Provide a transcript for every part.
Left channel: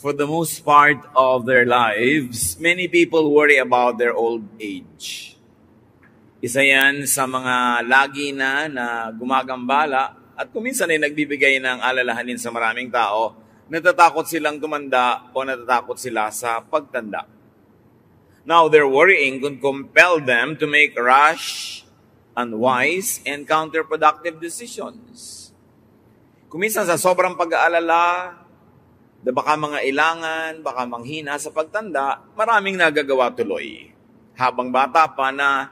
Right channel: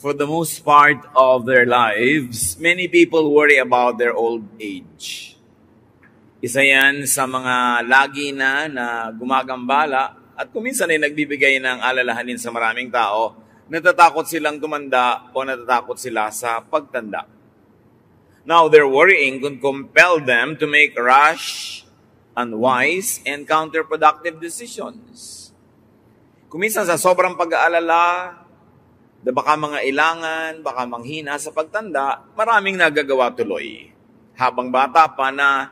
For the most part of their lives, many people worry about their old age. Isa yan sa mga lagi na gumagambala at kuminsan ay nagbibigay ng alalahanin sa maraming tao. Natatakot silang tumanda o natatakot sila sa pagtanda. Now, their worrying could compel them to make rash, unwise, and counterproductive decisions. Kuminsan sa sobrang pag-aalala, baka mga ilangan, baka manghina sa pagtanda, maraming nagagawa tuloy. Habang bata pa na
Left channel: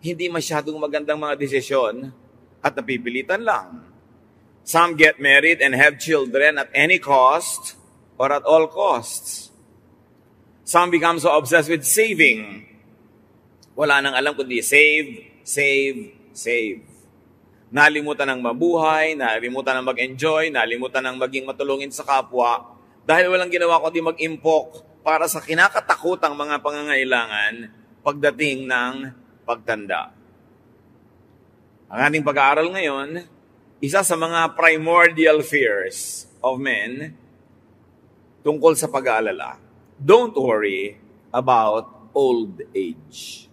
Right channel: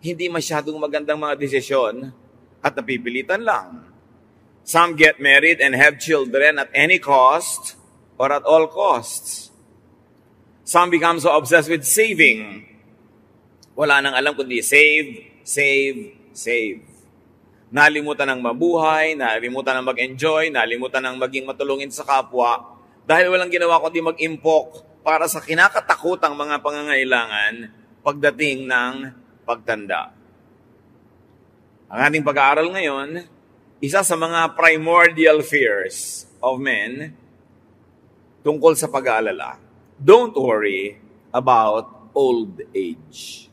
hindi masyadong magandang mga desisyon at napipilitan lang. Some get married and have children at any cost or at all costs. Some become so obsessed with saving. Wala nang alam kundi save, save, save. Nalimutan ng mabuhay, nalimutan ng mag-enjoy, nalimutan ng maging matulungin sa kapwa dahil walang ginawa kundi mag-impok para sa kinakatakutang mga pangangailangan pagdating ng pagtanda. Ang ating pag-aaral ngayon, isa sa mga primordial fears of men tungkol sa pag-aalala. Don't worry about old age.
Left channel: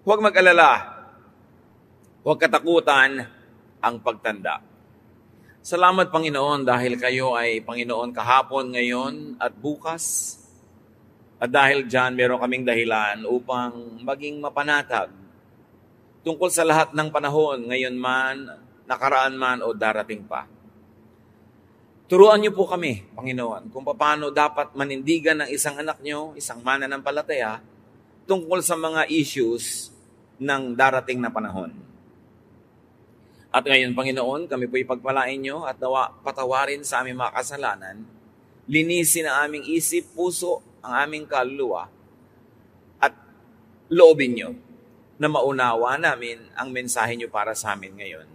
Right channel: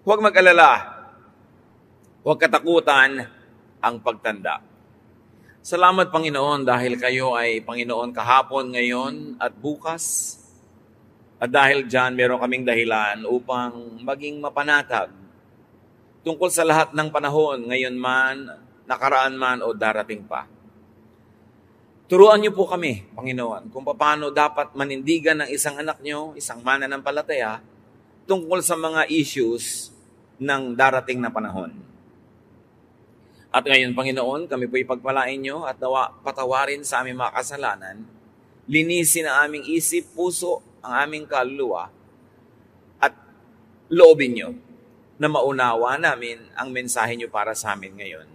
Huwag mag-alala. Huwag katakutan ang pagtanda. Salamat, Panginoon, dahil kayo ay Panginoon kahapon, ngayon, at bukas. At dahil dyan, meron kaming dahilan upang maging mapanatag tungkol sa lahat ng panahon, ngayon man, nakaraan man, o darating pa. Turuan niyo po kami, Panginoon, kung paano dapat manindigan ng isang anak niyo, isang mananampalataya, tungkol sa mga issues ng darating na panahon. At ngayon, Panginoon, kami po ipagpalain niyo at nawa patawarin sa aming mga kasalanan, linisin ang aming isip, puso, ang aming kaluluwa, at loobin niyo na maunawa namin ang mensahe niyo para sa amin ngayon.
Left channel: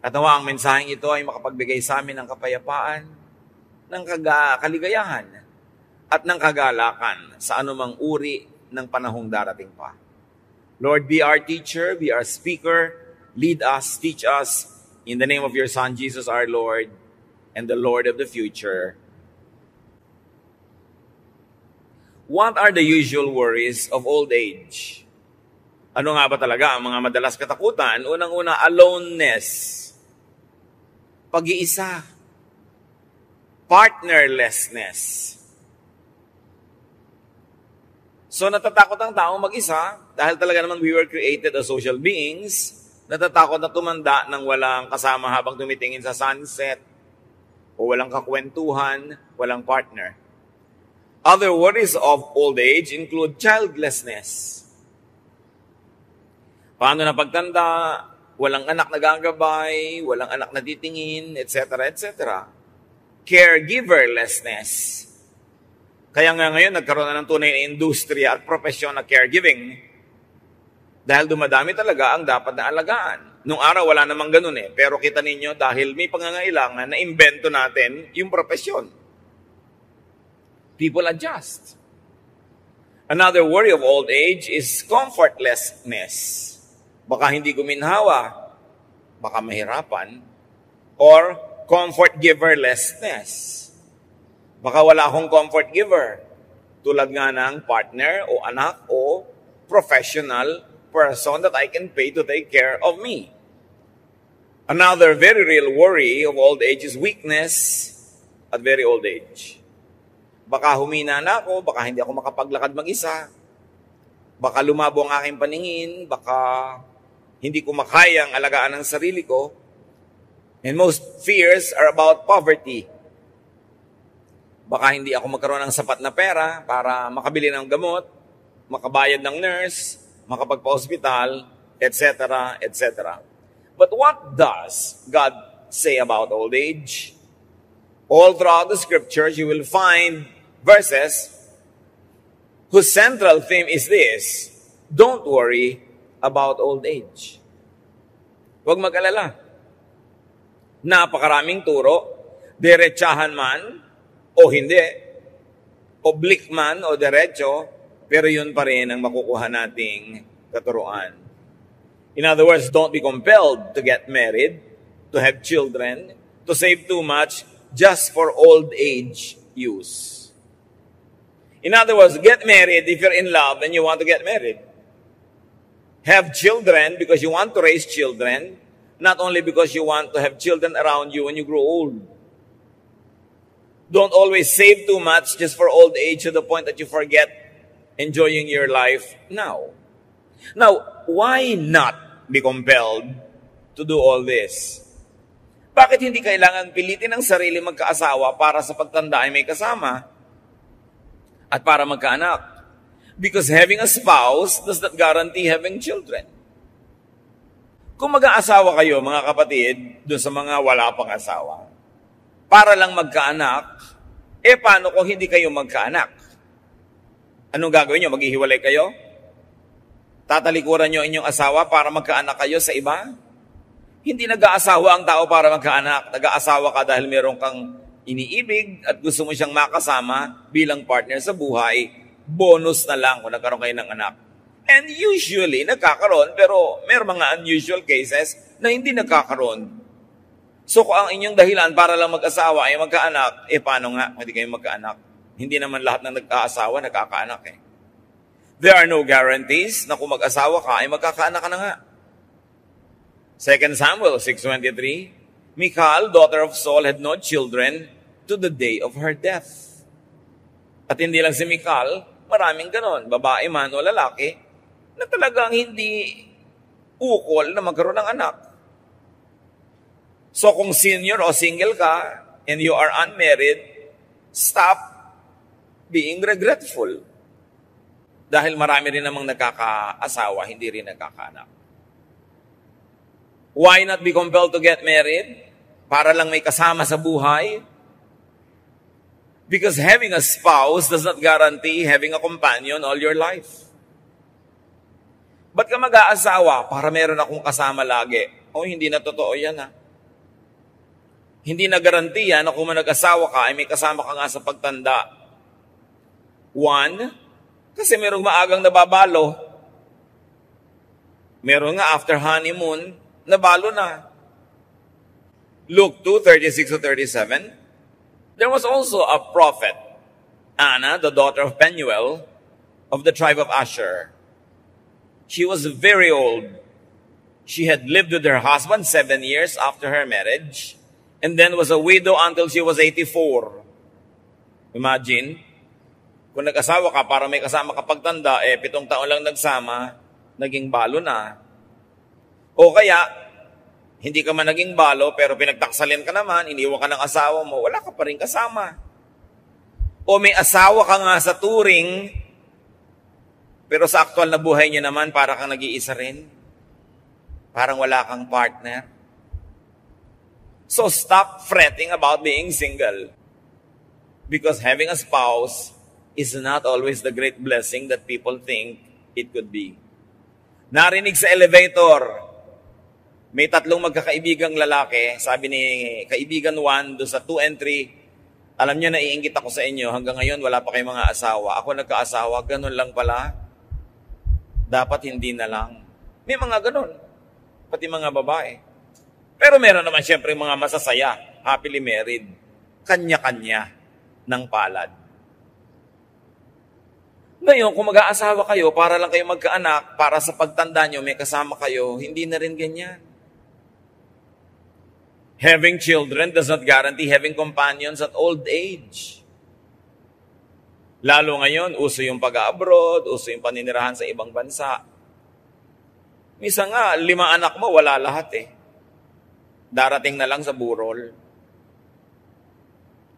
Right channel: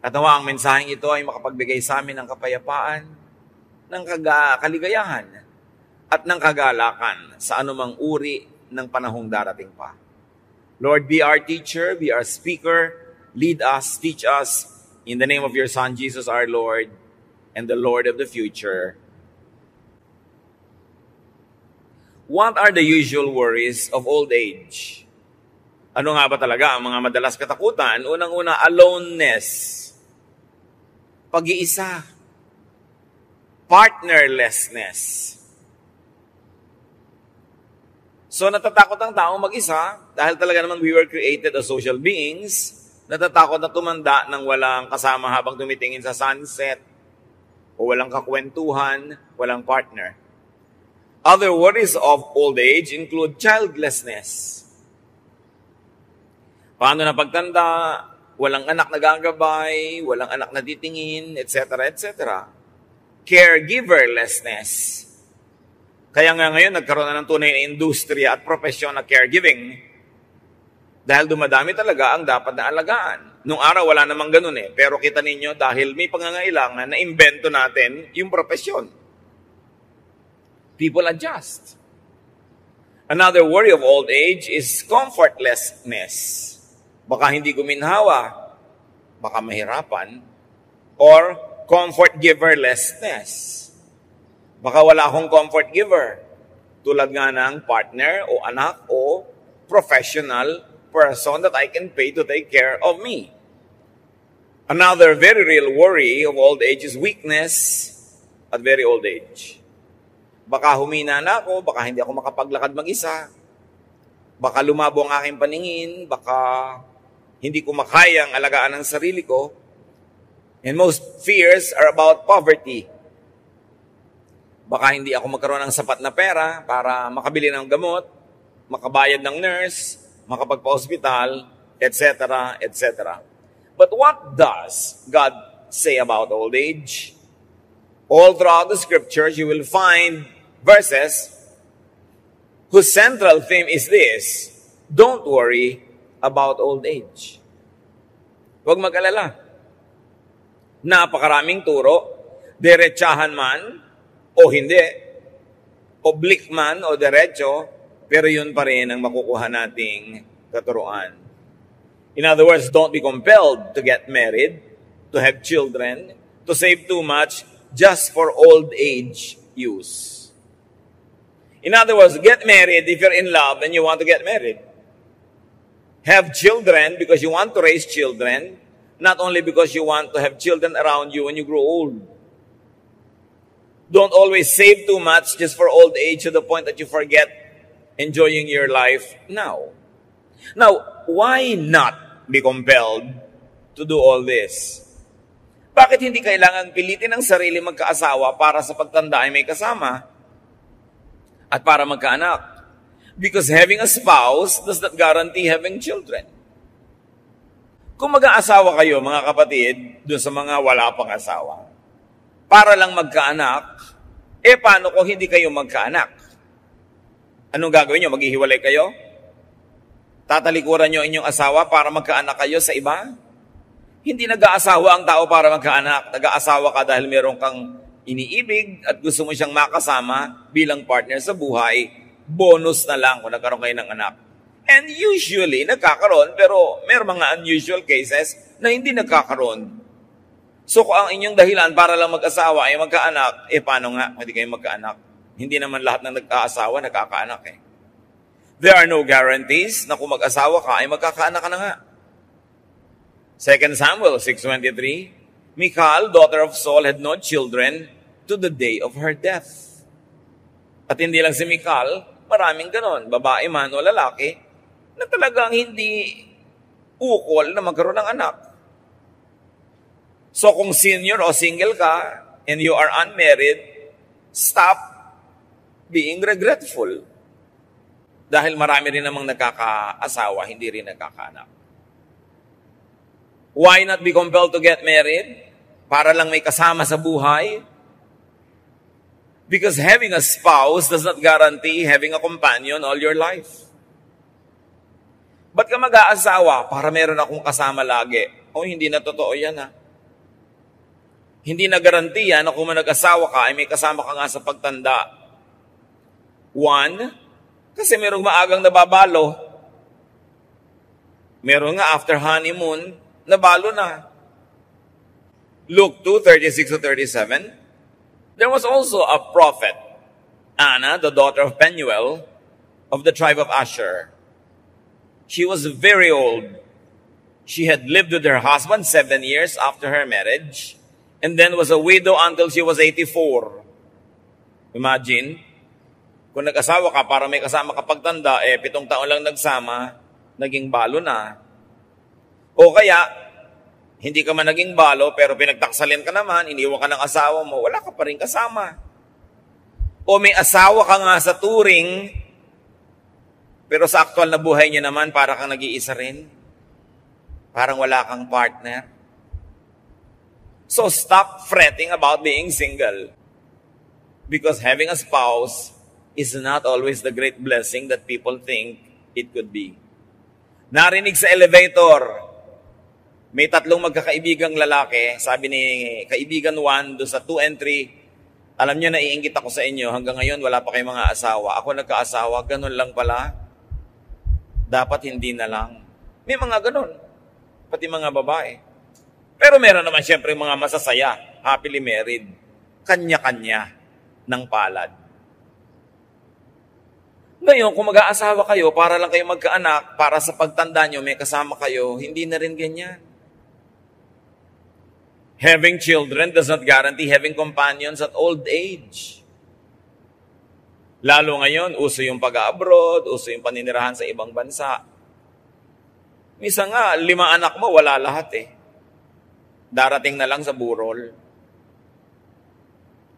At nawa ang mensaheng ito ay makapagbigay sa amin ng kapayapaan, ng kaligayahan, at ng kagalakan sa anumang uri ng panahong darating pa. Lord, be our teacher, be our speaker, lead us, teach us, in the name of your Son, Jesus our Lord, and the Lord of the future. What are the usual worries of old age? Ano nga ba talaga ang mga madalas katakutan? Unang-una, aloneness. Pag-iisa. Partnerlessness. So natatakot ang tao mag-isa dahil talaga namang we were created as social beings. Natatakot na tumanda nang walang kasama habang tumitingin sa sunset o walang kakwentuhan, walang partner. Other worries of old age include childlessness. Paano na pagtanda, walang anak na gagabay, walang anak na titingin, etc., etc. Caregiverlessness. Kaya nga ngayon, nagkaroon na ng tunay na industriya at profesyon na caregiving. Dahil dumadami talaga ang dapat na alagaan. Nung araw, wala namang ganun eh. Pero kita ninyo, dahil may pangangailangan na imbento natin yung profesyon. People adjust. Another worry of old age is comfortlessness. Baka hindi guminhawa, baka mahirapan, or comfort giverlessness. Baka wala akong comfort giver. Tulad nga ng partner o anak o professional person that I can pay to take care of me. Another very real worry of old age is weakness at very old age. Baka humina na ako, baka hindi ako makapaglakad mag-isa, baka lumabo ang aking paningin, baka hindi ko makayang alagaan ang sarili ko. And most fears are about poverty. Baka hindi ako magkaroon ng sapat na pera para makabili ng gamot, makabayad ng nurse, makapagpa-hospital, etc., etc. But what does God say about old age? All throughout the scriptures, you will find verses whose central theme is this: don't worry about old age. Huwag mag-alala. Napakaraming turo, diretsahan man o hindi, oblique man o diretso, pero yun pa rin ang makukuha nating katuruan. In other words, don't be compelled to get married, to have children, to save too much just for old age use. In other words, get married if you're in love and you want to get married. Have children because you want to raise children, not only because you want to have children around you when you grow old. Don't always save too much just for old age to the point that you forget enjoying your life now. Now, why not be compelled to do all this? Bakit hindi kailangan pilitin ang sarili magkaasawa para sa pagtanda ay may kasama at para magkaanak? Because having a spouse does not guarantee having children. Kung mag-aasawa kayo, mga kapatid, doon sa mga wala pang asawa, para lang magkaanak, paano kung hindi kayo magkaanak? Anong gagawin nyo? Maghihiwalay kayo? Tatalikuran nyo inyong asawa para magkaanak kayo sa iba? Hindi nag-aasawa ang tao para magkaanak. Nag-aasawa ka dahil meron kang iniibig at gusto mo siyang makasama bilang partner sa buhay. Bonus na lang kung nagkaroon kayo ng anak. And usually, nagkakaroon, pero may mga unusual cases na hindi nagkakaroon. So kung ang inyong dahilan para lang mag-asawa ay magkaanak, paano nga? Hindi kayo magkaanak. Hindi naman lahat ng nag-aasawa nagkakaanak eh. There are no guarantees na kung mag-asawa ka ay magkakaanak ka na nga. 2 Samuel 6:23, Michal, daughter of Saul, had no children to the day of her death. At hindi lang si Michal, maraming ganon, babae man o lalaki, na talagang hindi ukol na magkaroon ng anak. So kung senior o single ka, and you are unmarried, stop being regretful. Dahil marami rin namang nakakaasawa, hindi rin nakakaanak. Why not be compelled to get married? Para lang may kasama sa buhay? Because having a spouse does not guarantee having a companion all your life. Ba't ka mag-aasawa para meron akong kasama lagi? Hindi na totoo yan ha. Hindi na garantiya na kung nag-asawa ka ay may kasama ka nga sa pagtanda. One, kasi merong maagang nababalo. Meron nga after honeymoon, nabalo na. Luke 2:36-37. There was also a prophet, Anna, the daughter of Penuel, of the tribe of Asher. She was very old. She had lived with her husband 7 years after her marriage, and then was a widow until she was 84. Imagine, kung nag-asawa ka para may kasama ka pagtanda, 7 taon lang nagsama, naging balo na. O kaya, hindi ka man naging balo, pero pinagtaksalin ka naman, iniwan ka ng asawa mo, wala ka pa rin kasama. O may asawa ka nga sa turing, pero sa aktual na buhay niya naman, para kang nag-iisa rin. Parang wala kang partner. So stop fretting about being single. Because having a spouse is not always the great blessing that people think it could be. Narinig sa elevator, may 3 magkakaibigang lalaki, sabi ni kaibigan 1 doon sa 2 and 3, alam nyo, naiinggit ako sa inyo, hanggang ngayon wala pa kayong mga asawa. Ako nagkaasawa, ganun lang pala. Dapat hindi na lang. May mga ganun, pati mga babae. Pero meron naman siyempre mga masasaya, happily married, kanya-kanya ng palad. Ngayon, kung mag-aasawa kayo, para lang kayo magkaanak, para sa pagtanda nyo, may kasama kayo, hindi na rin ganyan. Having children does not guarantee having companions at old age. Lalo ngayon, uso yung pag-abroad, uso yung paninirahan sa ibang bansa. Misa nga, 5 anak mo, wala lahat eh. Darating na lang sa burol.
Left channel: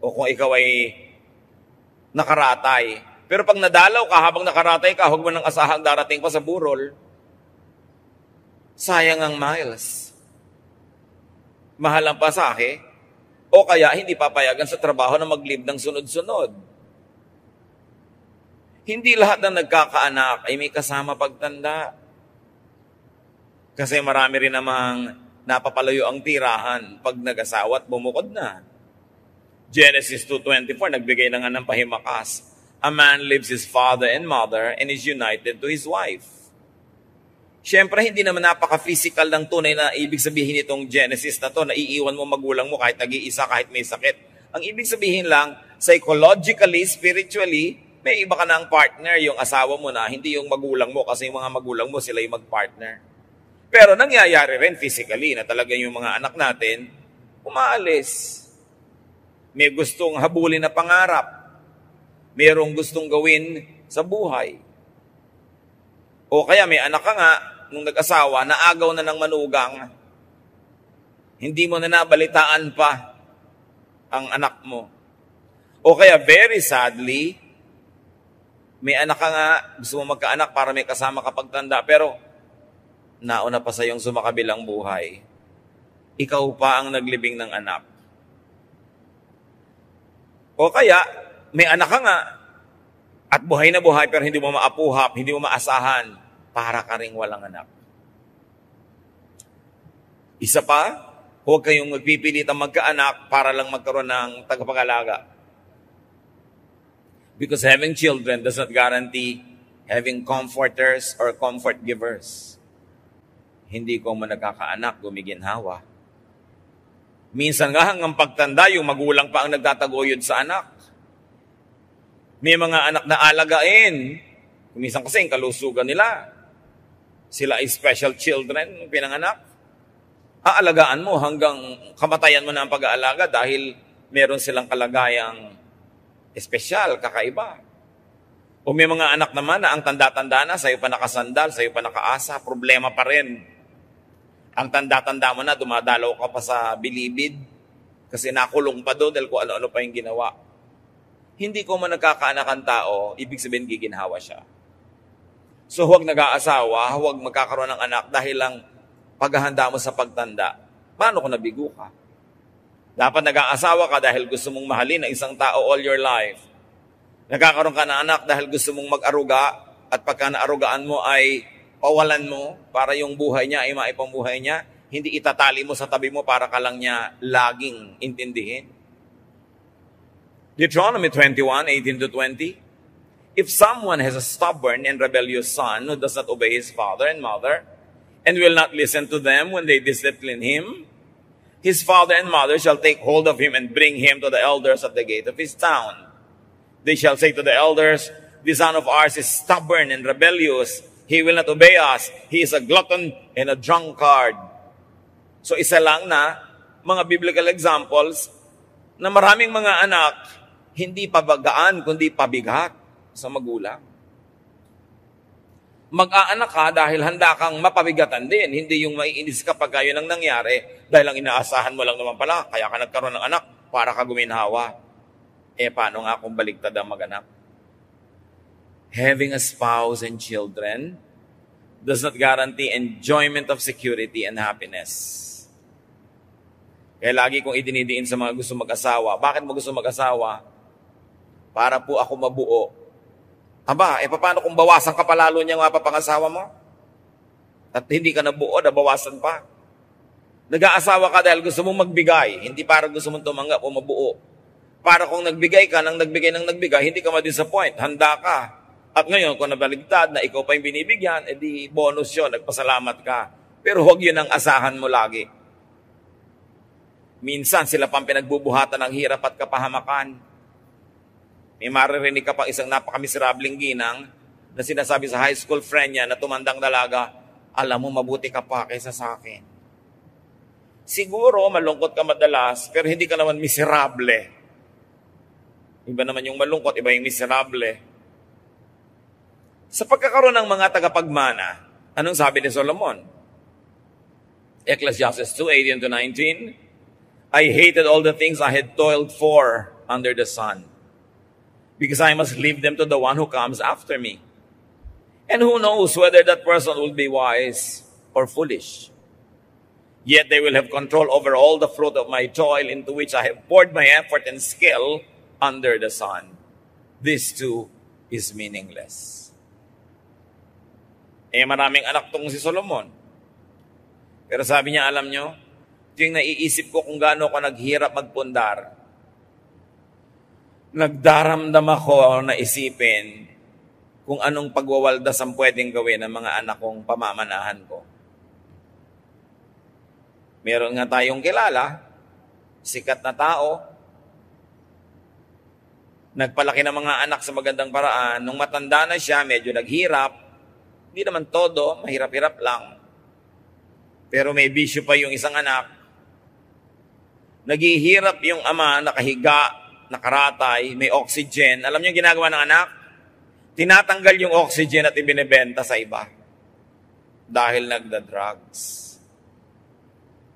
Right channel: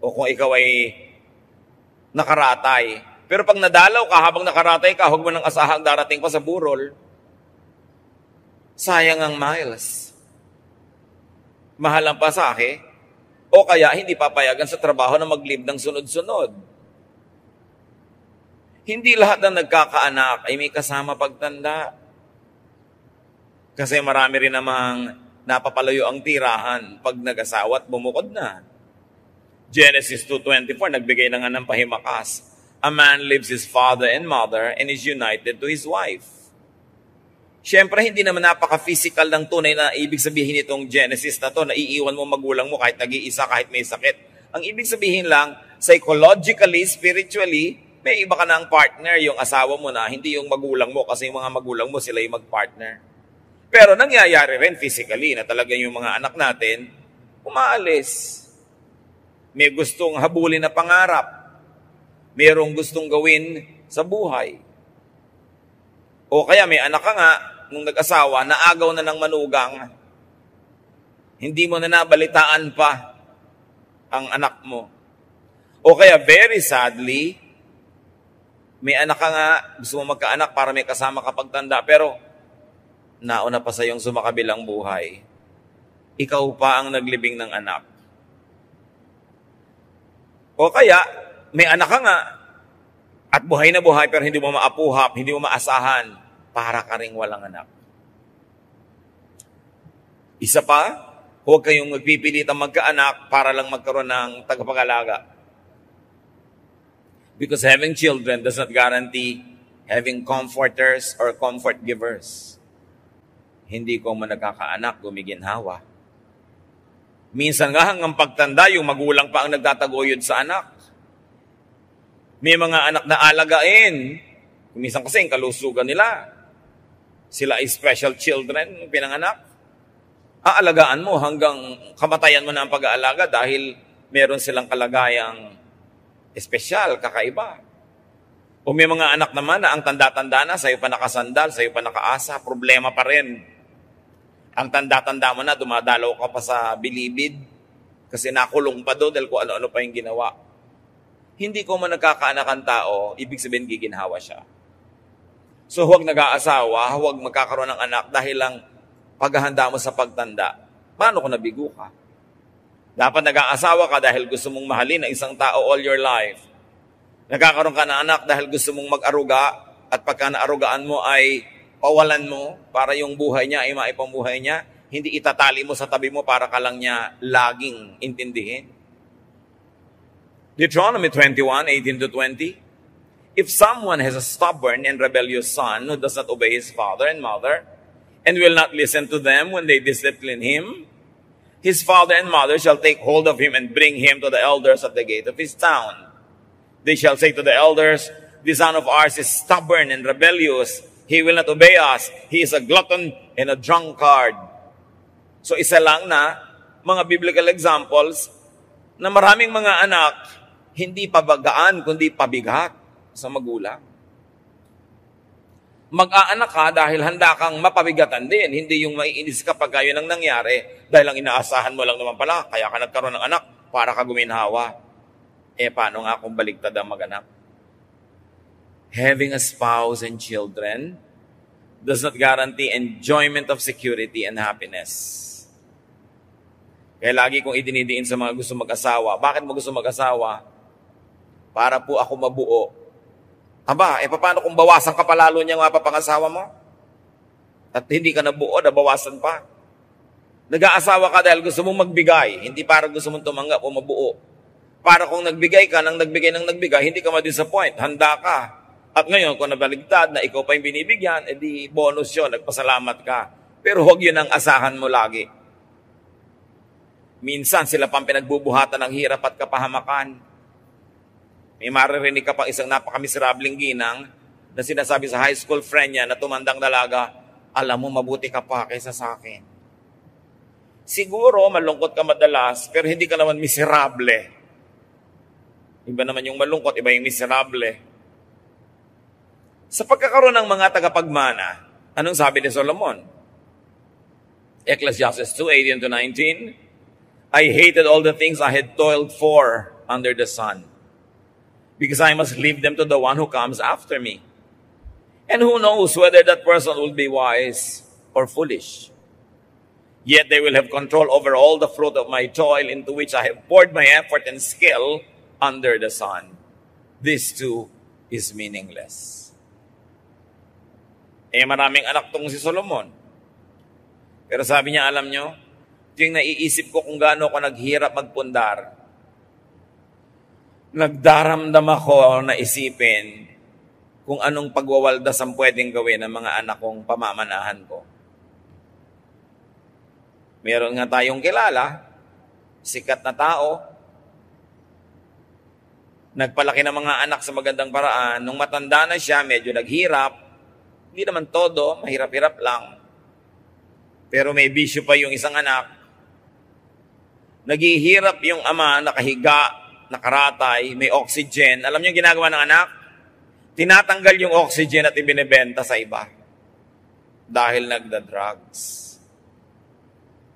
O kung ikaw ay nakaratay. Pero pag nadalaw ka, habang nakaratay ka, huwag mo nang asahang darating pa sa burol. Sayang ang miles. Mahal ang pasahe, o kaya hindi papayagan sa trabaho na mag-leave ng sunod-sunod. Hindi lahat na nagkakaanak ay may kasama pagtanda. Kasi marami rin namang napapalayo ang tirahan pag nag-asawa at bumukod na. Genesis 2:24, nagbigay na nga ng pahimakas. A man leaves his father and mother and is united to his wife. Siyempre, hindi naman napaka-physical ng tunay na ibig sabihin itong Genesis na to, na iiwan mo magulang mo kahit nag-iisa, kahit may sakit. Ang ibig sabihin lang, psychologically, spiritually, may iba ka na ang partner, yung asawa mo na, hindi yung magulang mo, kasi yung mga magulang mo, sila yung mag-partner. Pero nangyayari rin physically na talaga yung mga anak natin, umaalis. May gustong habulin na pangarap. Mayroong gustong gawin sa buhay. O kaya may anak ka nga, nung nag-asawa, naagaw na ng manugang. Hindi mo na nabalitaan pa ang anak mo. O kaya very sadly, may anak ka nga, gusto mo magkaanak para may kasama kapag tanda, pero nauna pa sa iyong sumakabilang buhay. Ikaw pa ang naglibing ng anak. O kaya, may anak ka nga, at buhay na buhay, pero hindi mo maapuhap, hindi mo maasahan, para ka ring walang anak. Isa pa, huwag kayong magpipilitang magkaanak para lang magkaroon ng tagapag-alaga. Because having children does not guarantee having comforters or comfort givers. Hindi ko man nagkakaanak, gumiginhawa. Minsan nga hanggang pagtanda, yung magulang pa ang nagtataguyod sa anak. May mga anak na alagain. Minsan kasi yung kalusugan nila. Sila ay special children, pinanganak. Aalagaan mo hanggang kamatayan mo na ang pag-aalaga dahil meron silang kalagayang espesyal, kakaiba. O may mga anak naman na ang tanda-tanda na, sa'yo pa nakasandal, sa'yo pa nakaasa, problema pa rin. Ang tanda-tanda mo na, dumadalaw ka pa sa bilibid kasi nakulong pa doon dahil kung ano-ano pa yung ginawa. Hindi ko man nagkakaanak ang tao, ibig sabihin giginhawa siya. So huwag nag-aasawa, huwag magkakaroon ng anak dahil lang paghahanda mo sa pagtanda. Paano kung nabigo ka? Dapat nag-aasawa ka dahil gusto mong mahalin ang isang tao all your life. Nagkakaroon ka ng anak dahil gusto mong mag-aruga at pagka naarugaan mo ay pawalan mo para yung buhay niya ay maipambuhay niya. Hindi itatali mo sa tabi mo para ka lang niya laging intindihin. Deuteronomy 21:18-20. If someone has a stubborn and rebellious son who does not obey his father and mother and will not listen to them when they discipline him, his father and mother shall take hold of him and bring him to the elders at the gate of his town. They shall say to the elders, "This son of ours is stubborn and rebellious. He will not obey us. He is a glutton and a drunkard." So isa lang na mga biblical examples na maraming mga anak hindi pabagaan kundi pabigat sa magulang. Mag-aanak ka dahil handa kang mapabigatan din. Hindi yung maiinis ka pag yun ang nangyari dahil ang inaasahan mo lang naman pala, kaya ka nagkaroon ng anak para ka guminhawa. Paano nga kung baliktad ang mag-anak? Having a spouse and children does not guarantee enjoyment of security and happiness. Kaya lagi kong idinidiin sa mga gusto mag-asawa. Bakit mo gusto mag-asawa? Para po ako mabuo. Aba, paano kung bawasan ka palalo niya nga papangasawa mo? At hindi ka nabuo, nabawasan pa. Nag-aasawa ka dahil gusto mong magbigay, hindi para gusto mong tumanggap o mabuo. Para kung nagbigay ka, nang nagbigay, hindi ka ma-disappoint, handa ka. At ngayon, kung nabaligtad na ikaw pa yung binibigyan, edi bonus yun, nagpasalamat ka. Pero huwag yun ang asahan mo lagi. Minsan, sila pang pinagbubuhatan ng hirap at kapahamakan. May maririnig ka pang isang napakamiserableng ginang na sinasabi sa high school friend niya na tumandang dalaga, "Alam mo, mabuti ka pa kaysa sa akin." Siguro, malungkot ka madalas, pero hindi ka naman miserable. Iba naman yung malungkot, iba yung miserable. Sa pagkakaroon ng mga tagapagmana, anong sabi ni Solomon? Ecclesiastes 2:18-19, "I hated all the things I had toiled for under the sun, because I must leave them to the one who comes after me. And who knows whether that person will be wise or foolish. Yet they will have control over all the fruit of my toil into which I have poured my effort and skill under the sun. This too is meaningless." Maraming anak tong si Solomon. Pero sabi niya, alam nyo, ito yung naiisip ko kung gaano ako naghirap magpundar. Nagdaramdam ako na isipin kung anong pagwawaldas ang pwedeng gawin ng mga anak kong pamamanahan ko. Meron nga tayong kilala, sikat na tao, nagpalaki ng mga anak sa magandang paraan, nung matanda na siya, medyo naghirap, hindi naman todo, mahirap-hirap lang. Pero may bisyo pa yung isang anak. Naghihirap yung ama, nakahiga, nakaratay, may oxygen. Alam niyo yung ginagawa ng anak? Tinatanggal yung oxygen at ibinebenta sa iba. Dahil nagda-drugs.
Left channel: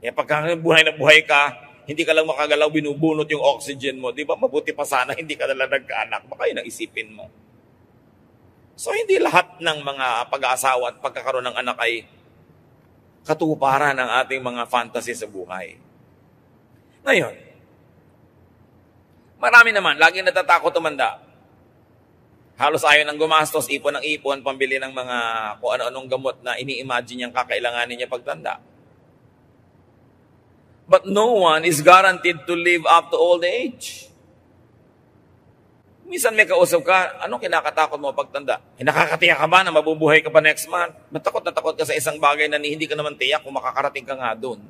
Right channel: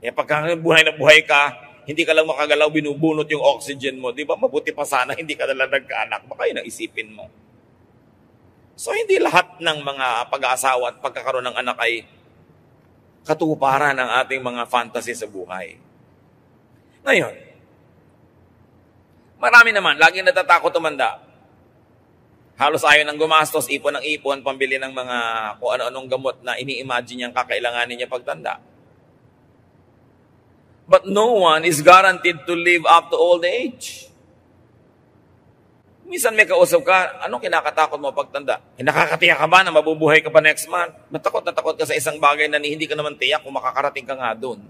Kaya pagka buhay na buhay ka, hindi ka lang makagalaw, binubunot yung oxygen mo. Di ba mabuti pa sana, hindi ka nalang nagkaanak. Baka yun ang isipin mo. So hindi lahat ng mga pag-aasawa at pagkakaroon ng anak ay katuparan ng ating mga fantasy sa buhay. Ngayon, marami naman, laging natatakot tumanda. Halos ayaw nang gumastos, ipon ng ipon, pambili ng mga kung ano-anong gamot na ini-imagine niyang kakailanganin niya pagtanda. But no one is guaranteed to live up to old age. Minsan may kausap ka, ano kinakatakot mo pagtanda? Nakakatiyak ka ba na mabubuhay ka pa next month? Natakot ka sa isang bagay na hindi ka naman tiyak kung makakarating ka nga doon.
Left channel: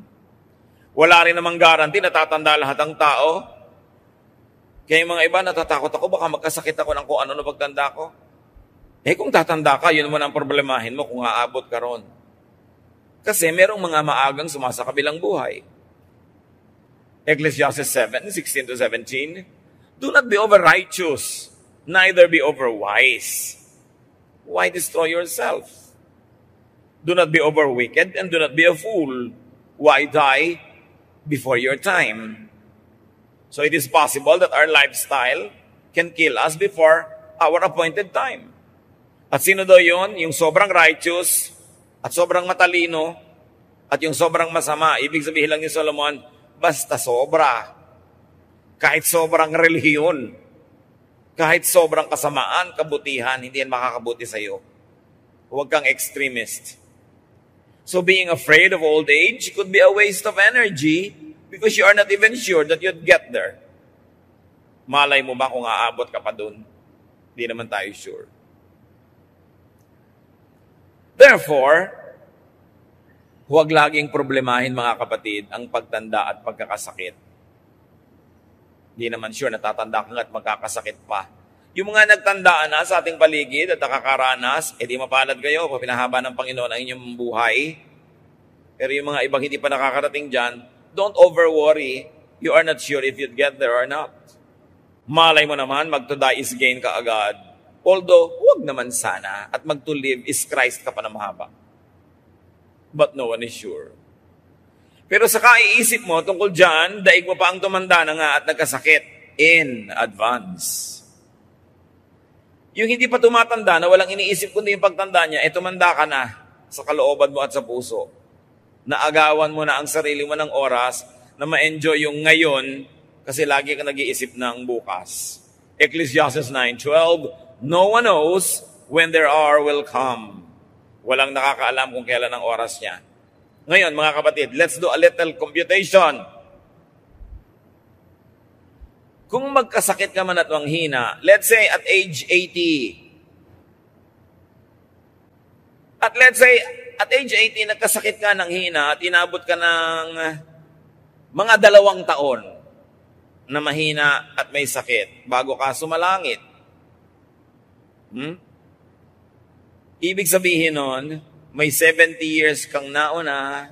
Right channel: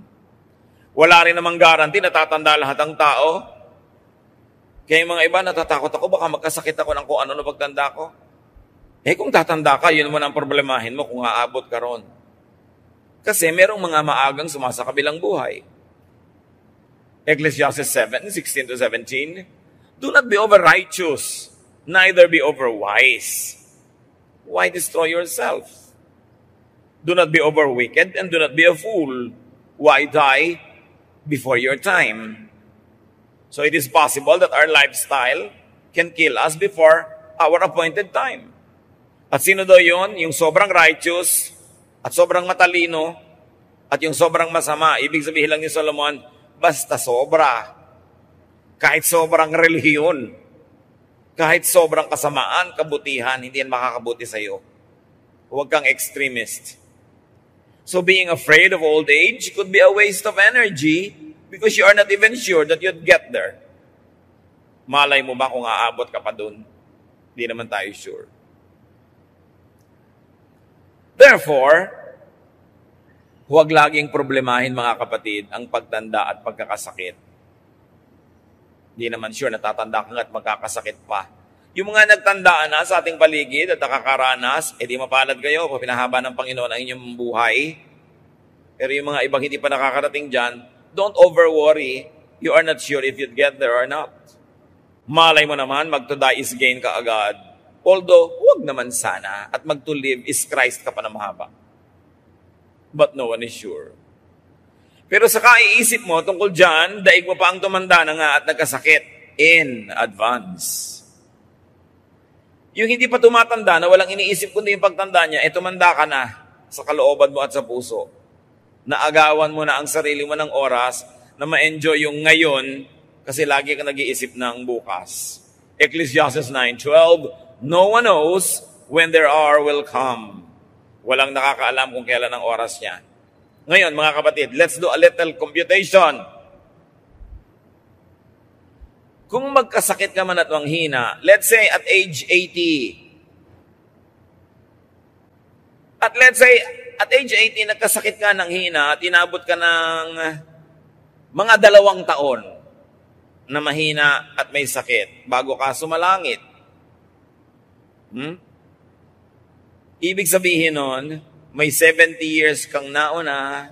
Wala rin namang guarantee na tatanda lahat ang tao. Kaya yung mga iba natatakot ako, baka magkasakit ako ng kung ano na pagtanda ko. Kung tatanda ka, yun naman ang problemahin mo kung aabot ka ron. Kasi merong mga maagang sumasakabilang buhay. Ecclesiastes 7:16-17, do not be over-righteous, neither be over-wise. Why destroy yourself? Do not be over-wicked, and do not be a fool. Why die before your time? So it is possible that our lifestyle can kill us before our appointed time. At sino daw yun? Yung sobrang righteous, at sobrang matalino, at yung sobrang masama. Ibig sabihin lang ni Solomon, basta sobra. Kahit sobrang relihiyon, kahit sobrang kasamaan, kabutihan, hindi yan makakabuti sa'yo. Huwag kang extremist. So being afraid of old age could be a waste of energy because you are not even sure that you'd get there. Malay mo ba kung aabot ka pa dun? Hindi naman tayo sure. Therefore, huwag laging problemahin mga kapatid ang pagtanda at pagkakasakit. Hindi naman sure natatanda ka at magkakasakit pa. Yung mga nagtandaan na sa ating paligid at nakakaranas, di mapalad kayo kung pinahaba ng Panginoon ang inyong buhay. Pero yung mga ibang hindi pa nakakarating dyan, don't over-worry. You are not sure if you'd get there or not. Malay mo naman, mag-to die is gain ka agad. Although, huwag naman sana. At mag-to live is Christ ka pa na mahaba. But no one is sure. Pero sa kaiisip mo tungkol dyan, daig mo pa ang tumanda na nga at nagkasakit in advance. Yung hindi pa tumatanda na walang iniisip kundi yung pagtanda niya, tumanda ka na sa kalooban mo at sa puso. Naagawan mo na ang sarili mo ng oras na ma-enjoy yung ngayon kasi lagi ka nag-iisip ng bukas. Ecclesiastes 9:12, no one knows when their hour will come. Walang nakakaalam kung kailan ang oras niya. Ngayon, mga kapatid, let's do a little computation. Kung magkasakit ka man at manghina, let's say at age 80. At let's say at age 80, nagkasakit ka ng hina at inabot ka ng mga 2 taon na mahina at may sakit bago ka sumalangit. Ibig sabihin nun, may 70 years kang nauna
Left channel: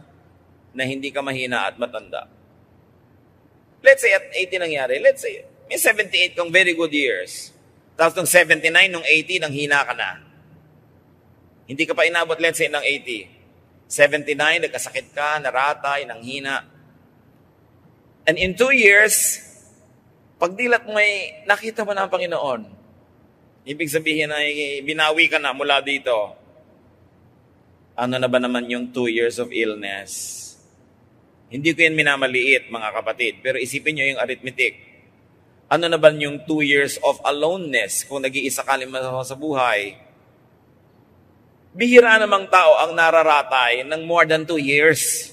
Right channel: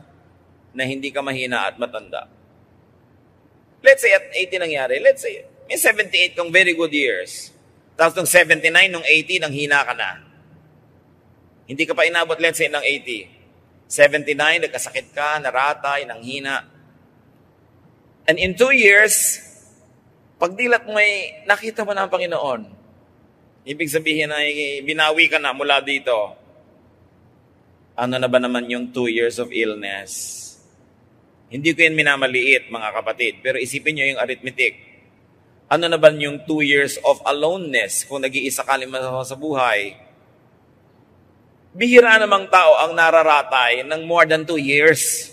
na hindi ka mahina at matanda. Let's say at 80 nangyari. Let's say may 78 kang very good years. Tapos nung 79, nung 80, nang hina ka na. Hindi ka pa inabot, let's say, ng 80. 79, nagkasakit ka, naratay, nang hina. And in 2 years, pagdilat mo ay nakita mo na ang Panginoon. Ibig sabihin ay binawi ka na mula dito. Ano na ba naman yung 2 years of illness? Hindi ko yan minamaliit, mga kapatid. Pero isipin nyo yung arithmetic. Ano na ba yung 2 years of aloneness kung nag-iisa ka sa buhay? Bihira namang tao ang nararatay ng more than 2 years.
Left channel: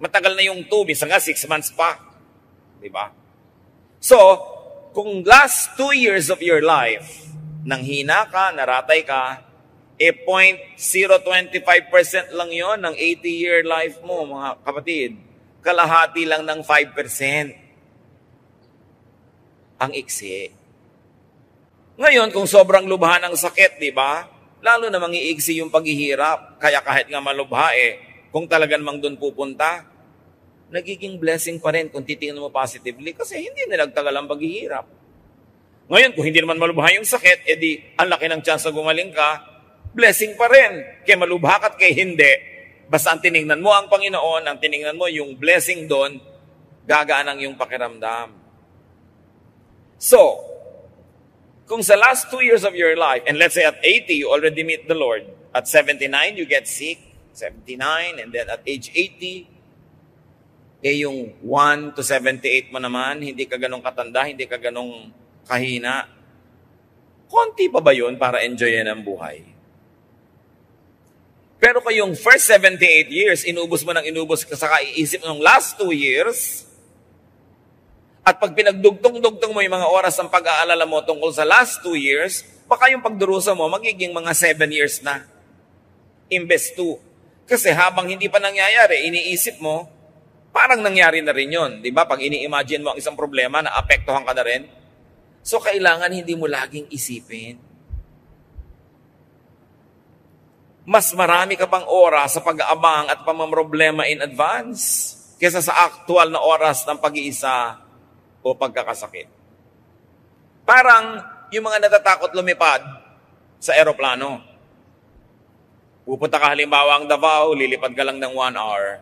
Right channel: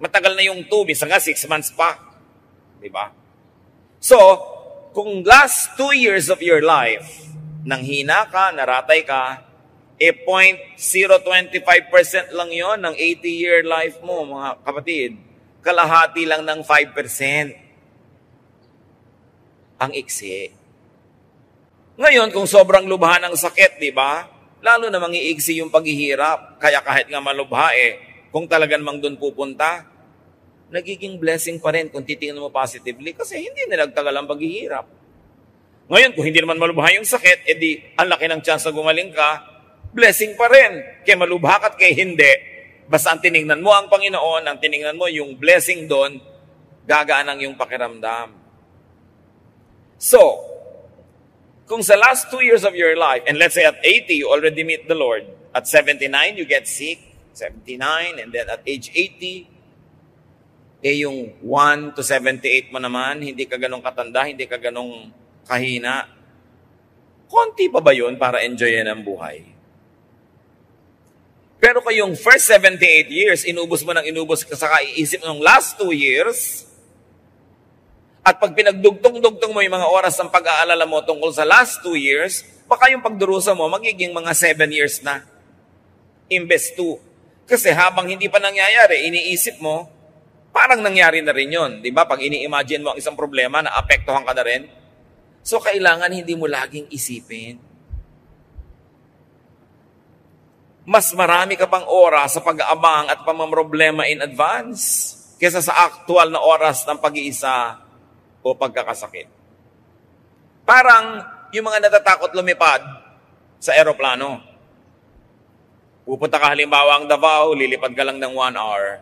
Matagal na yung 2, bisa nga 6 months pa. Diba? So, kung last 2 years of your life, nang hina ka, naratay ka, 0.025% lang yon ng 80-year life mo, mga kapatid. Kalahati lang ng 5%. ang iksi. Ngayon, kung sobrang lubha ng sakit, di ba? Lalo na mangiiksi yung paghihirap. Kaya kahit nga malubha kung talagang mang doon pupunta, nagiging blessing pa rin kung titingnan mo positively kasi hindi nilagtagal ang paghihirap. Ngayon, kung hindi naman malubha yung sakit, edi ang laki ng chance na gumaling ka, blessing pa rin. Kaya malubha ka at kaya hindi. Basta ang tinignan mo ang Panginoon, ang tinignan mo yung blessing doon, gagaan ang yung pakiramdam. So, kung sa last 2 years of your life, and let's say at 80, you already meet the Lord. At 79, you get sick. 79, and then at age 80, yung 1 to 78 mo naman, hindi ka ganong katanda, hindi ka ganong kahina. Konti pa ba yun para enjoyin ang buhay? Pero kung yung first 78 years, inubos mo ng inubos ka sa kaiisip ng last 2 years, at pag pinagdugtong-dugtong mo yung mga oras ng pag-aalala mo tungkol sa last 2 years, baka yung pagdurusa mo magiging mga 7 years na. Imbes 2. Kasi habang hindi pa nangyayari, iniisip mo, parang nangyari na rin yun. Di ba? Pag ini-imagine mo ang isang problema, naapektuhan ka na rin. So, kailangan hindi mo laging isipin. Mas marami ka pang oras sa pag-aabang at pamamroblema in advance kesa sa actual na oras ng pag-iisa o pagkakasakit. Parang yung mga natatakot lumipad sa eroplano. Pupunta ka halimbawa ang Davao, lilipad ka lang ng 1 hour.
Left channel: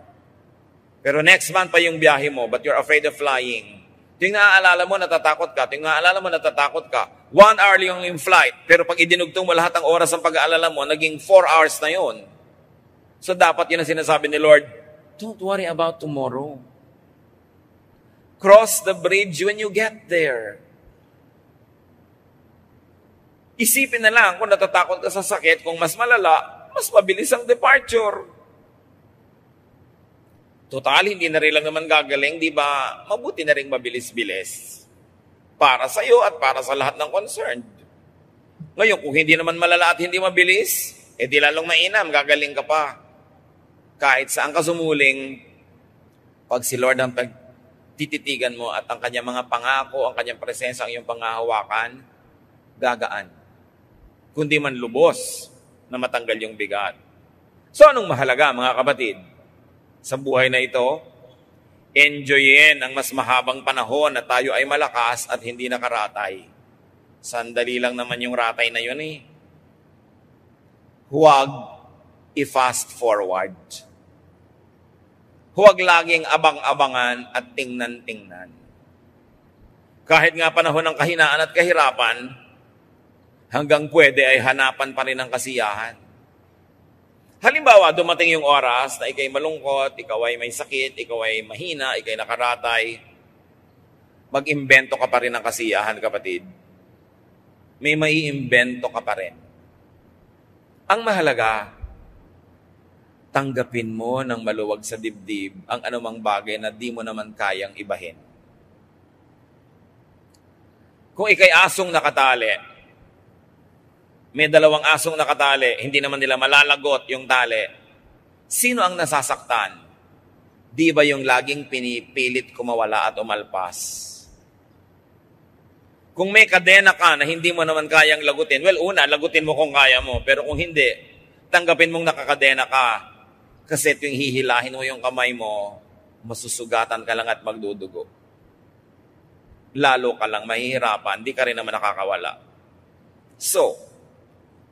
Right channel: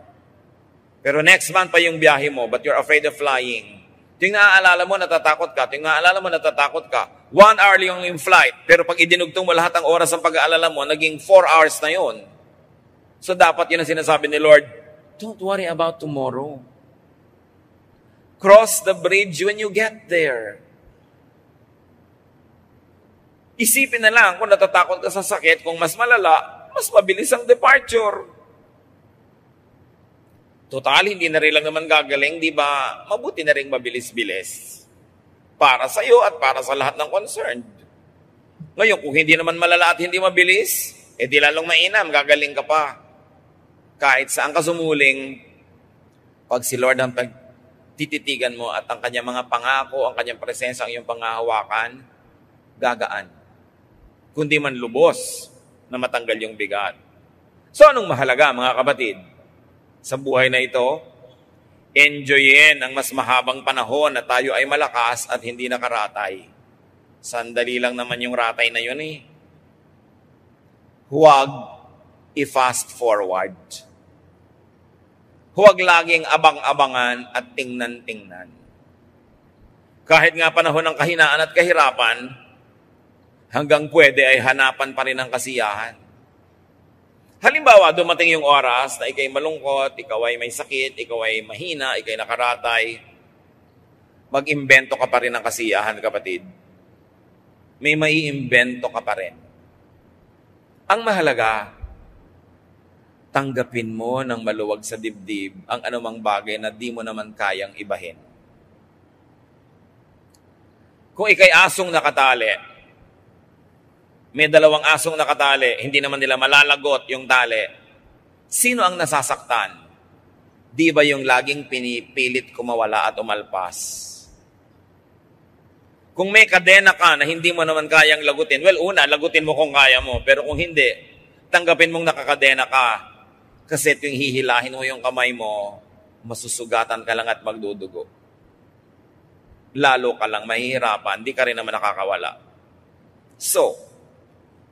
Pero next month pa yung biyahe mo, but you're afraid of flying. Ito yung naaalala mo, natatakot ka. Ito yung naaalala mo, natatakot ka. 1 hour lang yung flight. Pero pag idinugtong mo lahat ng oras ng pag-aalala mo, naging 4 hours na yon. So dapat yun ang sinasabi ni Lord, don't worry about tomorrow. Cross the bridge when you get there. Isipin na lang kung natatakot ka sa sakit, kung mas malala, mas mabilis ang departure. Total, hindi na rin lang naman gagaling, di ba? Mabuti na rin mabilis-bilis. Para sa iyo at para sa lahat ng concerned. Ngayon, kung hindi naman malala at hindi mabilis, di lalong mainam, gagaling ka pa. Kahit saan ka sumuling, pag si Lord ang tititigan mo at ang kanyang mga pangako, ang kanyang presensya, ang iyong pangahawakan, gagaan. Kundi man lubos na matanggal yung bigat. So, anong mahalaga, mga kapatid? Sa buhay na ito, enjoyin ang mas mahabang panahon na tayo ay malakas at hindi nakaratay. Sandali lang naman yung ratay na yun eh. Huwag i-fast forward. Huwag laging abang-abangan at tingnan-tingnan. Kahit nga panahon ng kahinaan at kahirapan, hanggang pwede ay hanapan pa rin ang kasiyahan. Halimbawa, dumating yung oras na ikay malungkot, ikaw ay may sakit, ikaw ay mahina, ikay nakaratay. Mag-imbento ka pa rin ng kasiyahan, kapatid. May maiimbento ka pa rin. Ang mahalaga, tanggapin mo ng maluwag sa dibdib ang anumang bagay na di mo naman kayang ibahin. Kung ikay asong nakatali, may 2 asong nakatali, hindi naman nila malalagot yung tali. Sino ang nasasaktan? Di ba yung laging pinipilit kumawala at umalpas? Kung may kadena ka na hindi mo naman kayang lagutin, well, una, lagutin mo kung kaya mo. Pero kung hindi, tanggapin mong nakakadena ka. Kasi tuwing hihilahin mo yung kamay mo, masusugatan ka lang at magdudugo. Lalo ka lang mahihirapan, di ka rin naman nakakawala. So,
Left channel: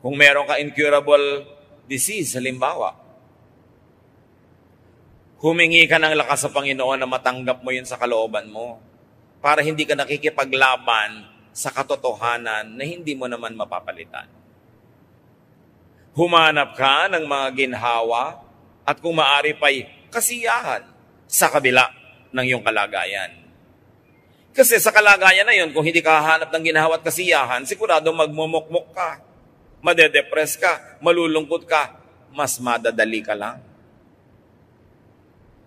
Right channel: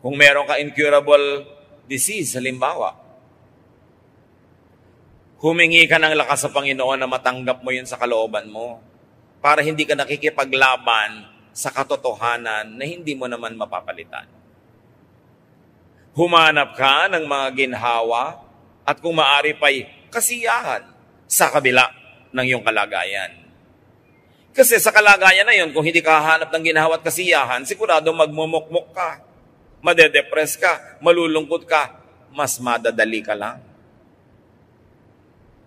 kung meron ka incurable disease, halimbawa, humingi ka ng lakas sa Panginoon na matanggap mo yun sa kalooban mo para hindi ka nakikipaglaban sa katotohanan na hindi mo naman mapapalitan. Humanap ka ng mga ginhawa at kung maari pa'y kasiyahan sa kabila ng iyong kalagayan. Kasi sa kalagayan na yun, kung hindi ka hahanap ng ginhawa at kasiyahan, sigurado magmumukmuk ka. Madedepress ka, malulungkot ka, mas madadali ka lang.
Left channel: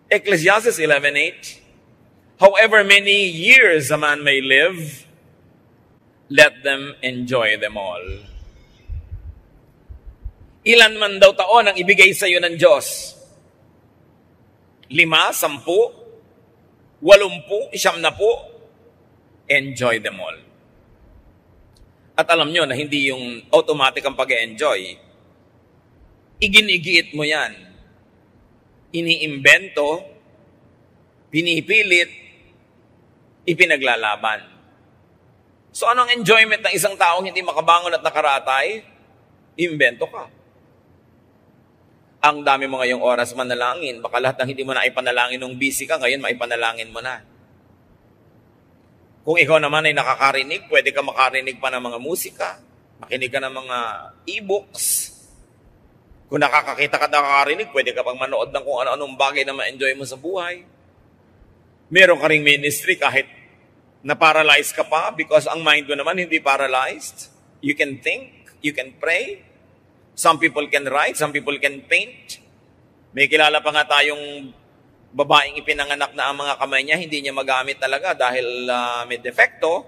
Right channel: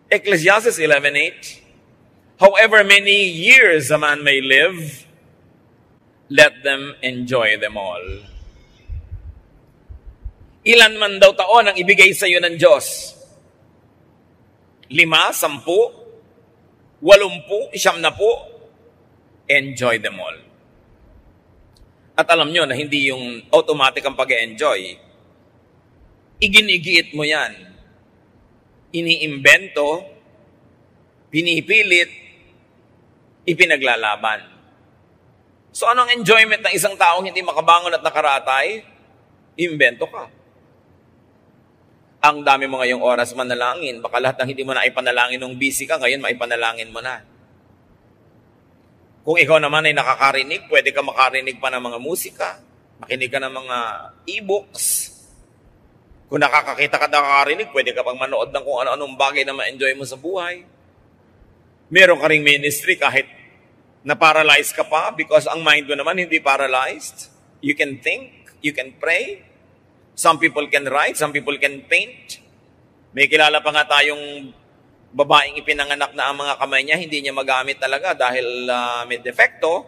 Ecclesiastes 11:8, however many years a man may live, let them enjoy them all. Ilan man daw taon ang ibigay sa iyo ng Diyos? 5, 10, 80, 90? enjoy them all. At alam nyo na hindi yung automatic ang pag-enjoy. Iginigiit mo yan. Iniimbento, pinipilit, ipinaglalaban. So anong enjoyment ng isang taong hindi makabangon at nakaratay? Imbento ka. Ang dami mo ngayong oras manalangin. Baka lahat ng hindi mo na ipanalangin nung busy ka, ngayon maipanalangin mo na. Kung ikaw naman ay nakakarinig, pwede ka makarinig pa ng mga musika, makinig ka ng mga e-books. Kung nakakakita ka nakakarinig, pwede ka pang manood ng kung ano-anong bagay na ma-enjoy mo sa buhay. Meron ka ring ministry kahit na-paralyzed ka pa because ang mind mo naman hindi paralyzed. You can think, you can pray. Some people can write, some people can paint. May kilala pa nga tayong babaeng ipinanganak na ang mga kamay niya, hindi niya magamit talaga dahil may defekto.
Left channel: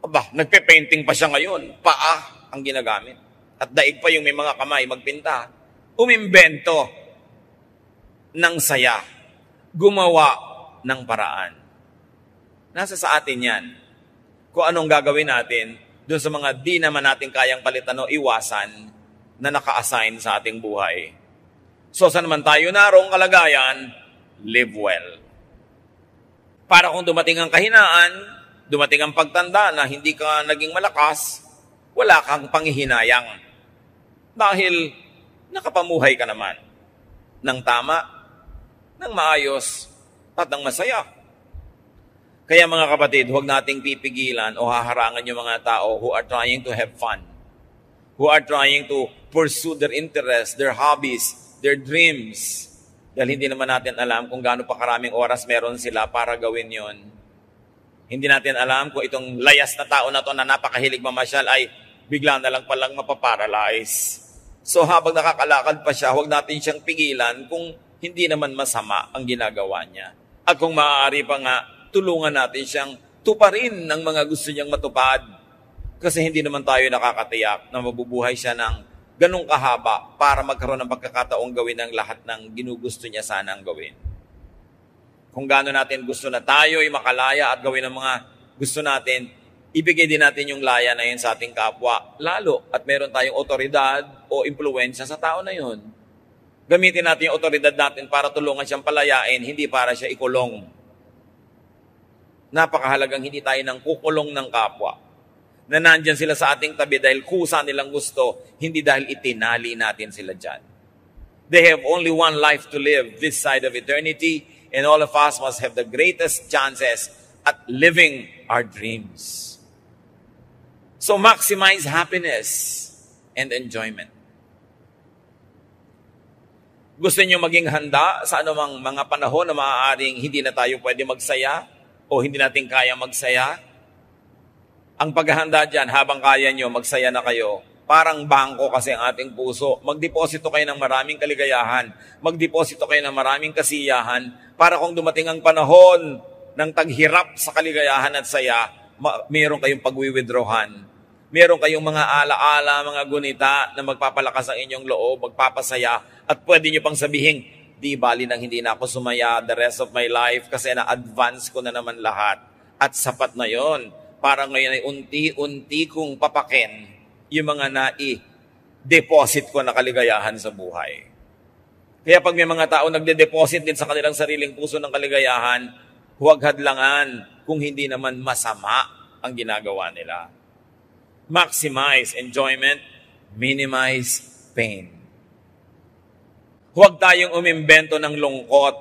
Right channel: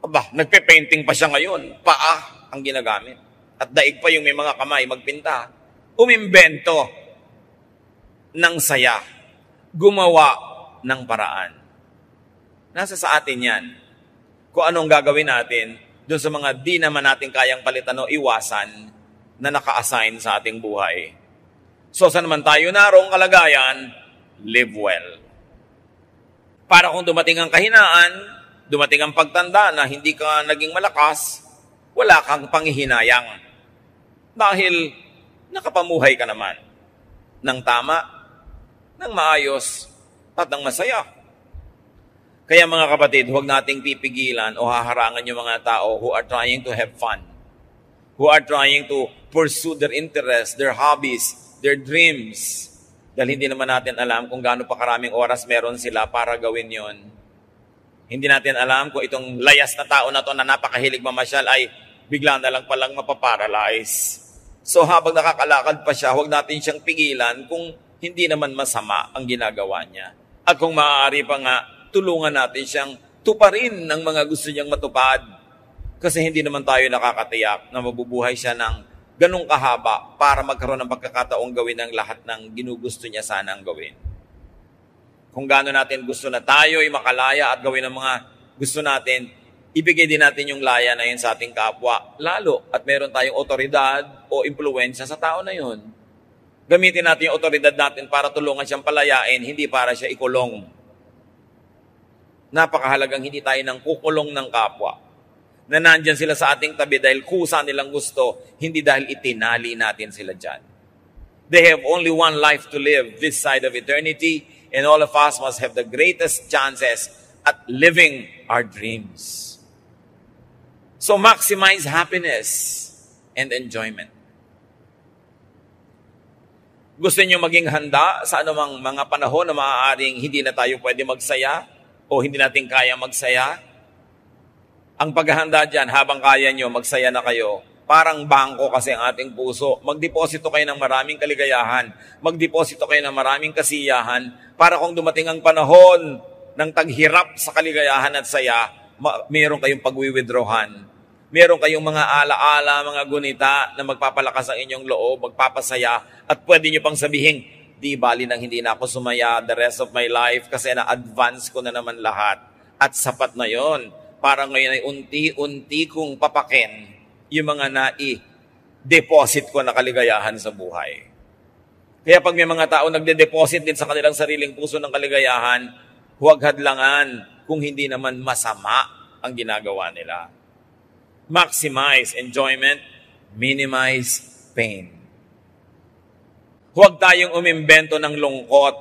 Aba, nagpe-painting pa siya ngayon. Paa ang ginagamit. At daig pa yung may mga kamay magpinta. Umimbento ng saya. Gumawa ng paraan. Nasa sa atin yan. Kung anong gagawin natin doon sa mga di naman natin kayang palitan o iwasan na naka-assign sa ating buhay. So, saan naman tayo narong kalagayan? Live well. Para kung dumating ang kahinaan, dumating ang pagtanda na hindi ka naging malakas, wala kang panghihinayang. Dahil nakapamuhay ka naman ng tama, ng maayos, at ng masaya. Kaya mga kapatid, huwag nating pipigilan o haharangan yung mga tao who are trying to have fun, who are trying to pursue their interests, their hobbies, their dreams. Dahil hindi naman natin alam kung gaano pa karaming oras meron sila para gawin yon. Hindi natin alam kung itong layas na tao na to na napakahilig mamasyal ay bigla na lang palang mapaparalyze. So habang nakakalakad pa siya, huwag natin siyang pigilan kung hindi naman masama ang ginagawa niya. At kung maaari pa nga, tulungan natin siyang tuparin ng mga gusto niyang matupad. Kasi hindi naman tayo nakakatiyak na mabubuhay siya ng ganung kahaba para magkaroon ng pagkakataong gawin ang lahat ng ginugusto niya sanang gawin. Kung gaano natin gusto na tayo ay makalaya at gawin ang mga gusto natin, ibigay din natin yung laya na yun sa ating kapwa. Lalo at meron tayong otoridad o impluwensya sa tao na yun. Gamitin natin yung otoridad natin para tulungan siyang palayain, hindi para siya ikulong. Napakahalagang hindi tayo nang kukulong ng kapwa. Na nandyan sila sa ating tabi dahil kusa nilang gusto, hindi dahil itinali natin sila dyan. They have only one life to live this side of eternity, and all of us must have the greatest chances at living our dreams. So maximize happiness and enjoyment. Gusto niyo maging handa sa anumang mga panahon na maaaring hindi na tayo pwede magsaya o hindi natin kaya magsaya? Ang paghahanda dyan, habang kaya nyo, magsaya na kayo. Parang bangko kasi ang ating puso. Magdeposito kayo ng maraming kaligayahan. Magdeposito kayo ng maraming kasiyahan para kung dumating ang panahon ng taghirap sa kaligayahan at saya, meron kayong pag-withdrawhan. Meron kayong mga alaala, mga gunita na magpapalakas ang inyong loob, magpapasaya, at pwede nyo pang sabihin, di bali nang hindi na ako sumaya the rest of my life kasi na-advance ko na naman lahat. At sapat na yon. Para ngayon ay unti-unti kong papakin yung mga nai-deposit ko na kaligayahan sa buhay. Kaya pag may mga tao nagde-deposit din sa kanilang sariling puso ng kaligayahan, huwag hadlangan kung hindi naman masama ang ginagawa nila. Maximize enjoyment, minimize pain. Huwag tayong umimbento ng lungkot.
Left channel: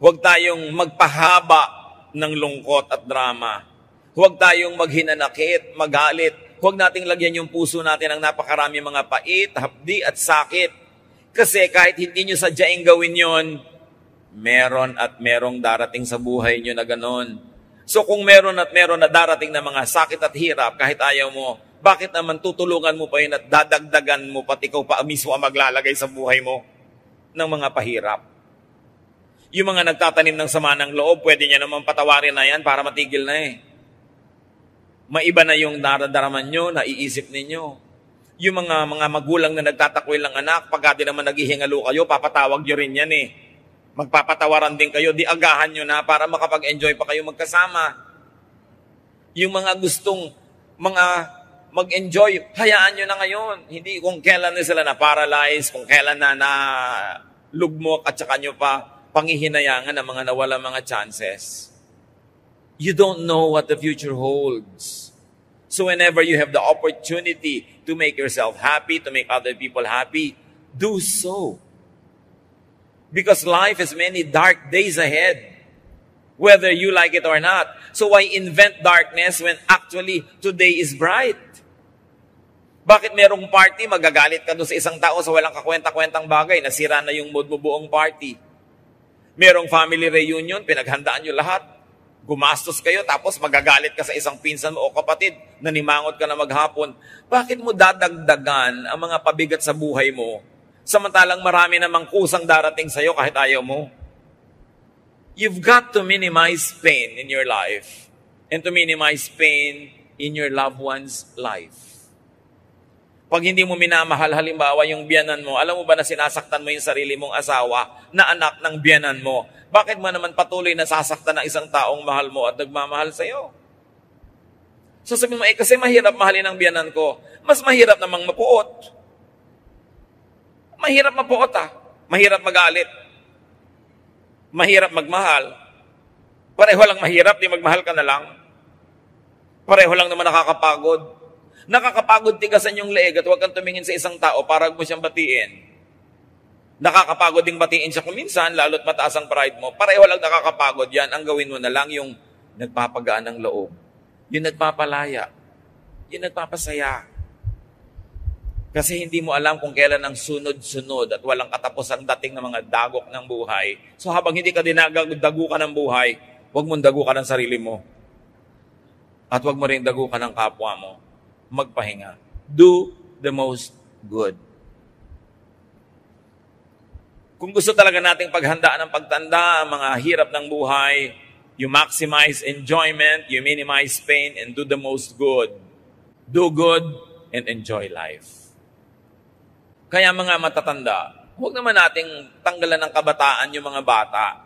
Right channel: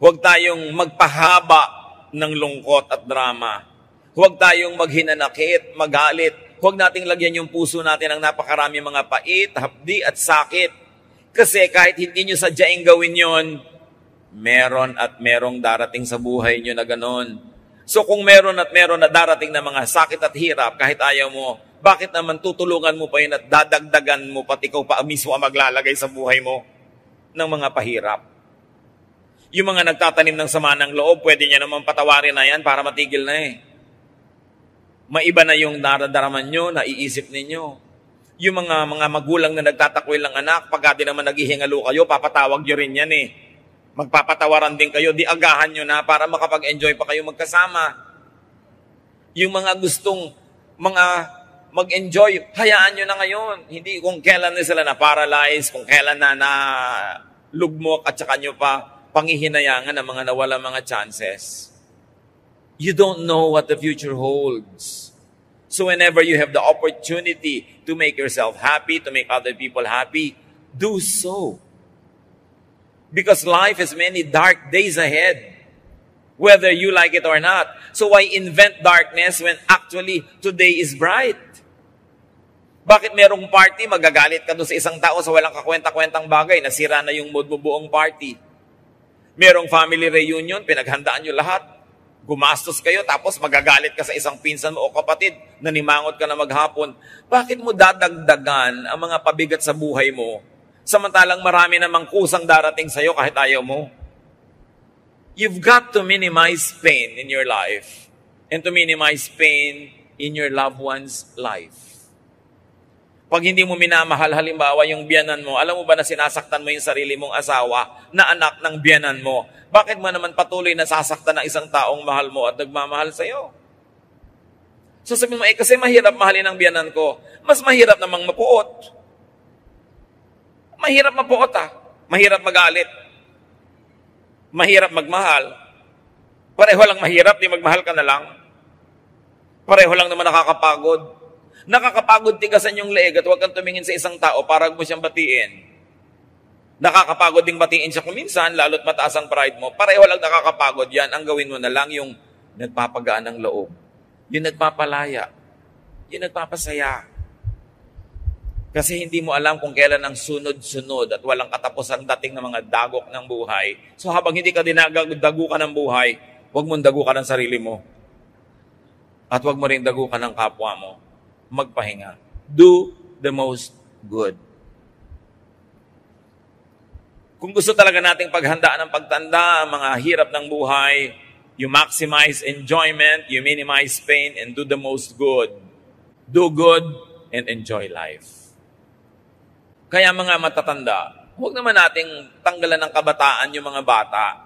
Huwag tayong magpahaba ng lungkot at drama. Huwag tayong maghinanakit, magalit. Huwag nating lagyan yung puso natin ng napakarami mga pait, hapdi at sakit. Kasi kahit hindi nyo sadyaing gawin yon, meron at merong darating sa buhay nyo na ganon. So kung meron at meron na darating na mga sakit at hirap, kahit ayaw mo, bakit naman tutulungan mo pa yun at dadagdagan mo pati ikaw pa mismo ang maglalagay sa buhay mo ng mga pahirap? Yung mga nagtatanim ng sama ng loob, pwede nyo naman patawarin na yan para matigil na Maiba na yung nararamdaman nyo, naiisip ninyo. Yung mga magulang na nagtatakwil ng anak, pagka di naman naghihingalo kayo, papatawag nyo rin yan Magpapatawaran din kayo, di agahan nyo na para makapag-enjoy pa kayo magkasama. Yung mga gustong mag-enjoy, hayaan nyo na ngayon. Hindi kung kailan na sila na-paralyze, kung kailan na lugmok at saka nyo pa panghihinayangan ng mga nawala mga chances. You don't know what the future holds. So whenever you have the opportunity to make yourself happy, to make other people happy, do so. Because life has many dark days ahead, whether you like it or not. So why invent darkness when actually today is bright? Bakit merong party, magagalit ka doon sa isang tao sa walang kakwenta-kwentang bagay, nasira na yung mood mo buong party. Merong family reunion, pinaghandaan nyo lahat, gumastos kayo, tapos magagalit ka sa isang pinsan mo o kapatid, nanimangot ka na maghapon. Bakit mo dadagdagan ang mga pabigat sa buhay mo, samantalang marami namang kusang darating sa'yo kahit ayaw mo? You've got to minimize pain in your life and to minimize pain in your loved one's life. Pag hindi mo minamahal, halimbawa yung biyanan mo, alam mo ba na sinasaktan mo yung sarili mong asawa na anak ng biyanan mo? Bakit mo naman patuloy na sasaktan ng isang taong mahal mo at nagmamahal sa'yo? So sabihin mo, kasi mahirap mahalin ang biyanan ko. Mas mahirap namang mapuot. Mahirap mapuot Mahirap magalit. Mahirap magmahal. Pareho lang mahirap, di magmahal ka na lang. Pareho lang naman nakakapagod. Nakakapagod tigasan yung leeg at huwag kang tumingin sa isang tao para mo siyang batiin. Nakakapagod ding batiin siya kuminsan, lalo't mataas ang pride mo. Pareho lang nakakapagod yan. Ang gawin mo na lang yung nagpapagaan ng loob. Yung nagpapalaya. Yung nagpapasaya. Kasi hindi mo alam kung kailan ang sunod-sunod at walang katapos ang dating ng mga dagok ng buhay. So habang hindi ka dinadago ka ng buhay, huwag mong dago ka ng sarili mo. At huwag mo rin dago ka ng kapwa mo. Magpahinga. Do the most good. Kung gusto talaga nating paghandaan ng pagtanda, ang mga hirap ng buhay, you maximize enjoyment, you minimize pain, and do the most good. Do good and enjoy life. Kaya mga matatanda, huwag naman nating tanggalan ng kabataan yung mga bata.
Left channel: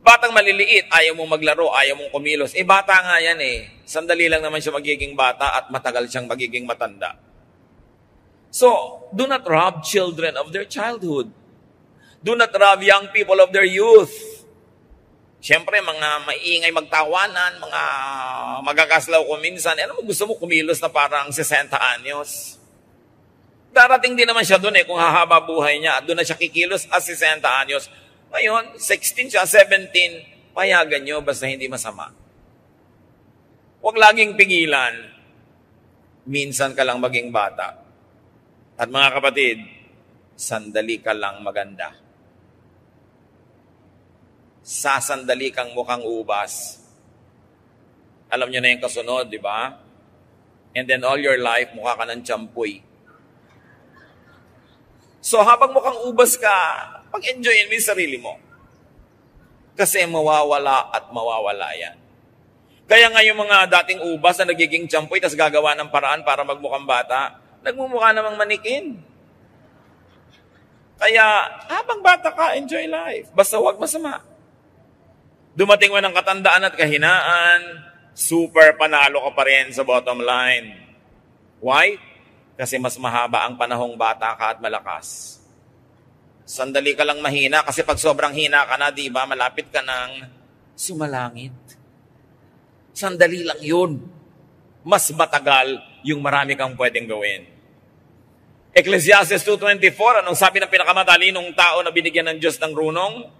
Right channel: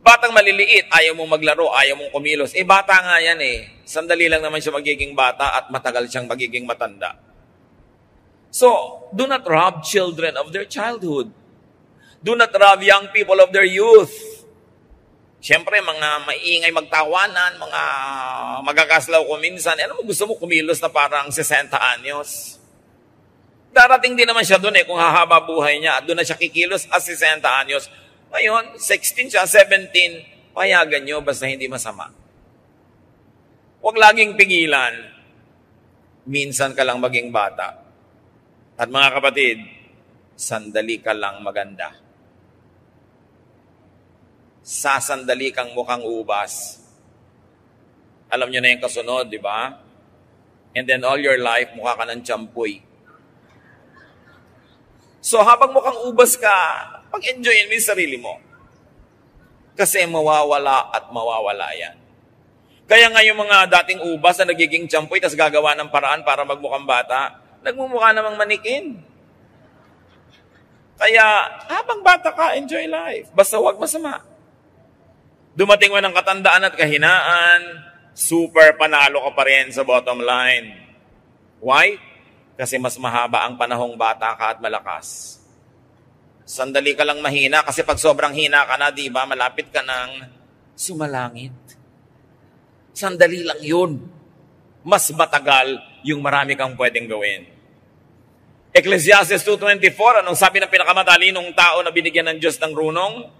Batang maliliit, ayaw mong maglaro, ayaw mong kumilos. Bata nga yan Sandali lang naman siya magiging bata at matagal siyang magiging matanda. So, do not rob children of their childhood. Do not rob young people of their youth. Siyempre, mga maingay magtawanan, mga magagaslaw ko minsan. Ano mo gusto mo kumilos na parang 60 anyos? Darating din naman siya doon kung hahaba buhay niya at doon na siya kikilos at 60 anyos. Ngayon, 16 siya, 17, payagan nyo basta hindi masama. Huwag laging pigilan. Minsan ka lang maging bata. At mga kapatid, sandali ka lang maganda. Sasandali kang mukhang ubas. Alam nyo na yung kasunod, di ba? And then all your life, mukha ka ng tsampoy. So habang mukhang ubas ka, pag-enjoyin mo yung sarili mo. Kasi mawawala at mawawala yan. Kaya nga yung mga dating ubas na nagiging tsampoy, tas gagawa ng paraan para magmukhang bata, nagmumukha namang manikin. Kaya habang bata ka, enjoy life. Basta huwag masama. Dumating mo ng katandaan at kahinaan, super panalo ka pa rin sa bottom line. Why? Kasi mas mahaba ang panahong bata ka at malakas. Sandali ka lang mahina kasi pag sobrang hina ka na, di ba, malapit ka ng sumalangit. Sandali lang yun. Mas matagal yung marami kang pwedeng gawin. Ecclesiastes 2:24, anong sabi ng pinakamatalinong tao na binigyan ng Diyos ng runong?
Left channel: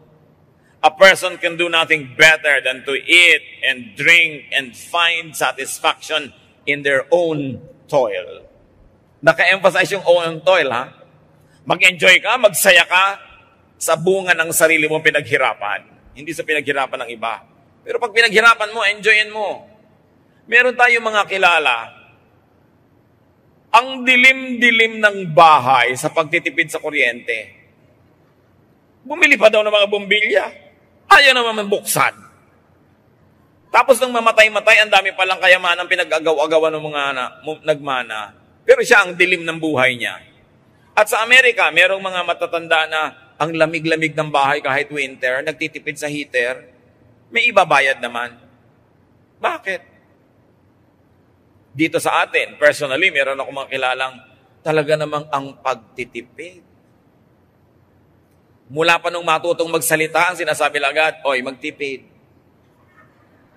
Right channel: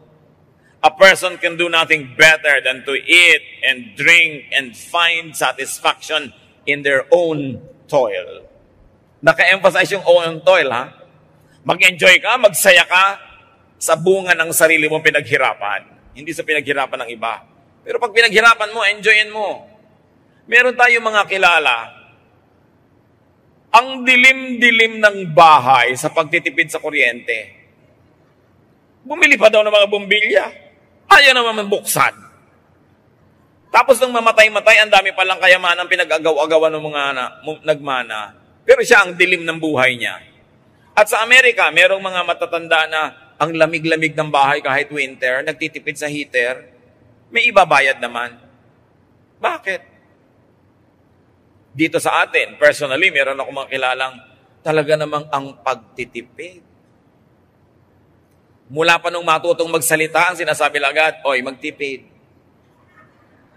A person can do nothing better than to eat and drink and find satisfaction in their own toil. Naka-emphasize yung own toil, ha? Mag-enjoy ka, magsaya ka sa bunga ng sarili mong pinaghirapan. Hindi sa pinaghirapan ng iba. Pero pag pinaghirapan mo, enjoyin mo. Meron tayong mga kilala. Ang dilim-dilim ng bahay sa pagtitipid sa kuryente. Bumili pa daw ng mga bombilya. Ayaw naman buksan. Tapos nang mamatay-matay, ang dami palang kayamanan pinag-agaw-agawan ng mga nagmana. Pero siya ang dilim ng buhay niya. At sa Amerika, merong mga matatanda na ang lamig-lamig ng bahay kahit winter, nagtitipid sa heater, may ibabayad naman. Bakit? Dito sa atin, personally, meron ako mga kilalang talaga namang ang pagtitipid. Mula pa nung matutong magsalita, ang sinasabi lang agad, oy, magtipid.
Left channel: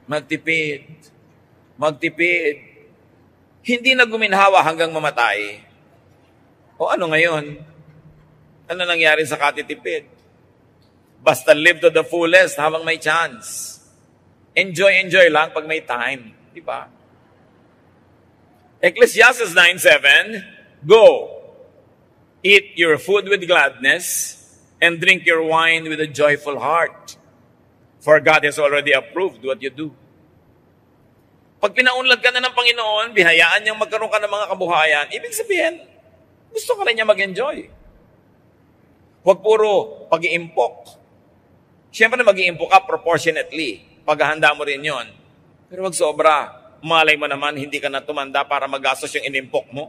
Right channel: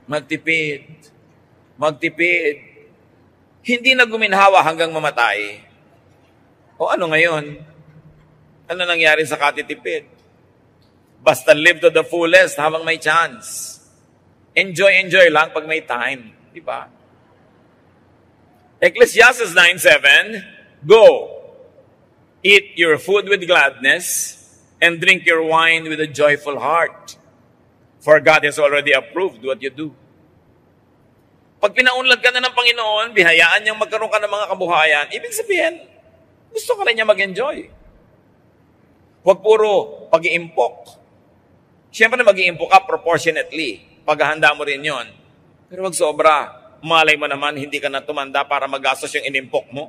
Magtipid. Magtipid. Hindi na guminhawa hanggang mamatay. O ano ngayon? Ano nangyari sa katitipid? Basta live to the fullest habang may chance. Enjoy lang pag may time. Di ba? Ecclesiastes 9:7, go, eat your food with gladness, and drink your wine with a joyful heart. For God has already approved what you do. Pag pinaunlad ka na ng Panginoon, bihayaan niyang magkaroon ka ng mga kabuhayan, ibig sabihin, gusto ka rin niya mag-enjoy. Huwag puro pag-iimpok. Siyempre mag-iimpok ka proportionately. Paghahanda mo rin yon. Pero wag sobra. Malay mo naman, hindi ka na tumanda para magastos yung inimpok mo.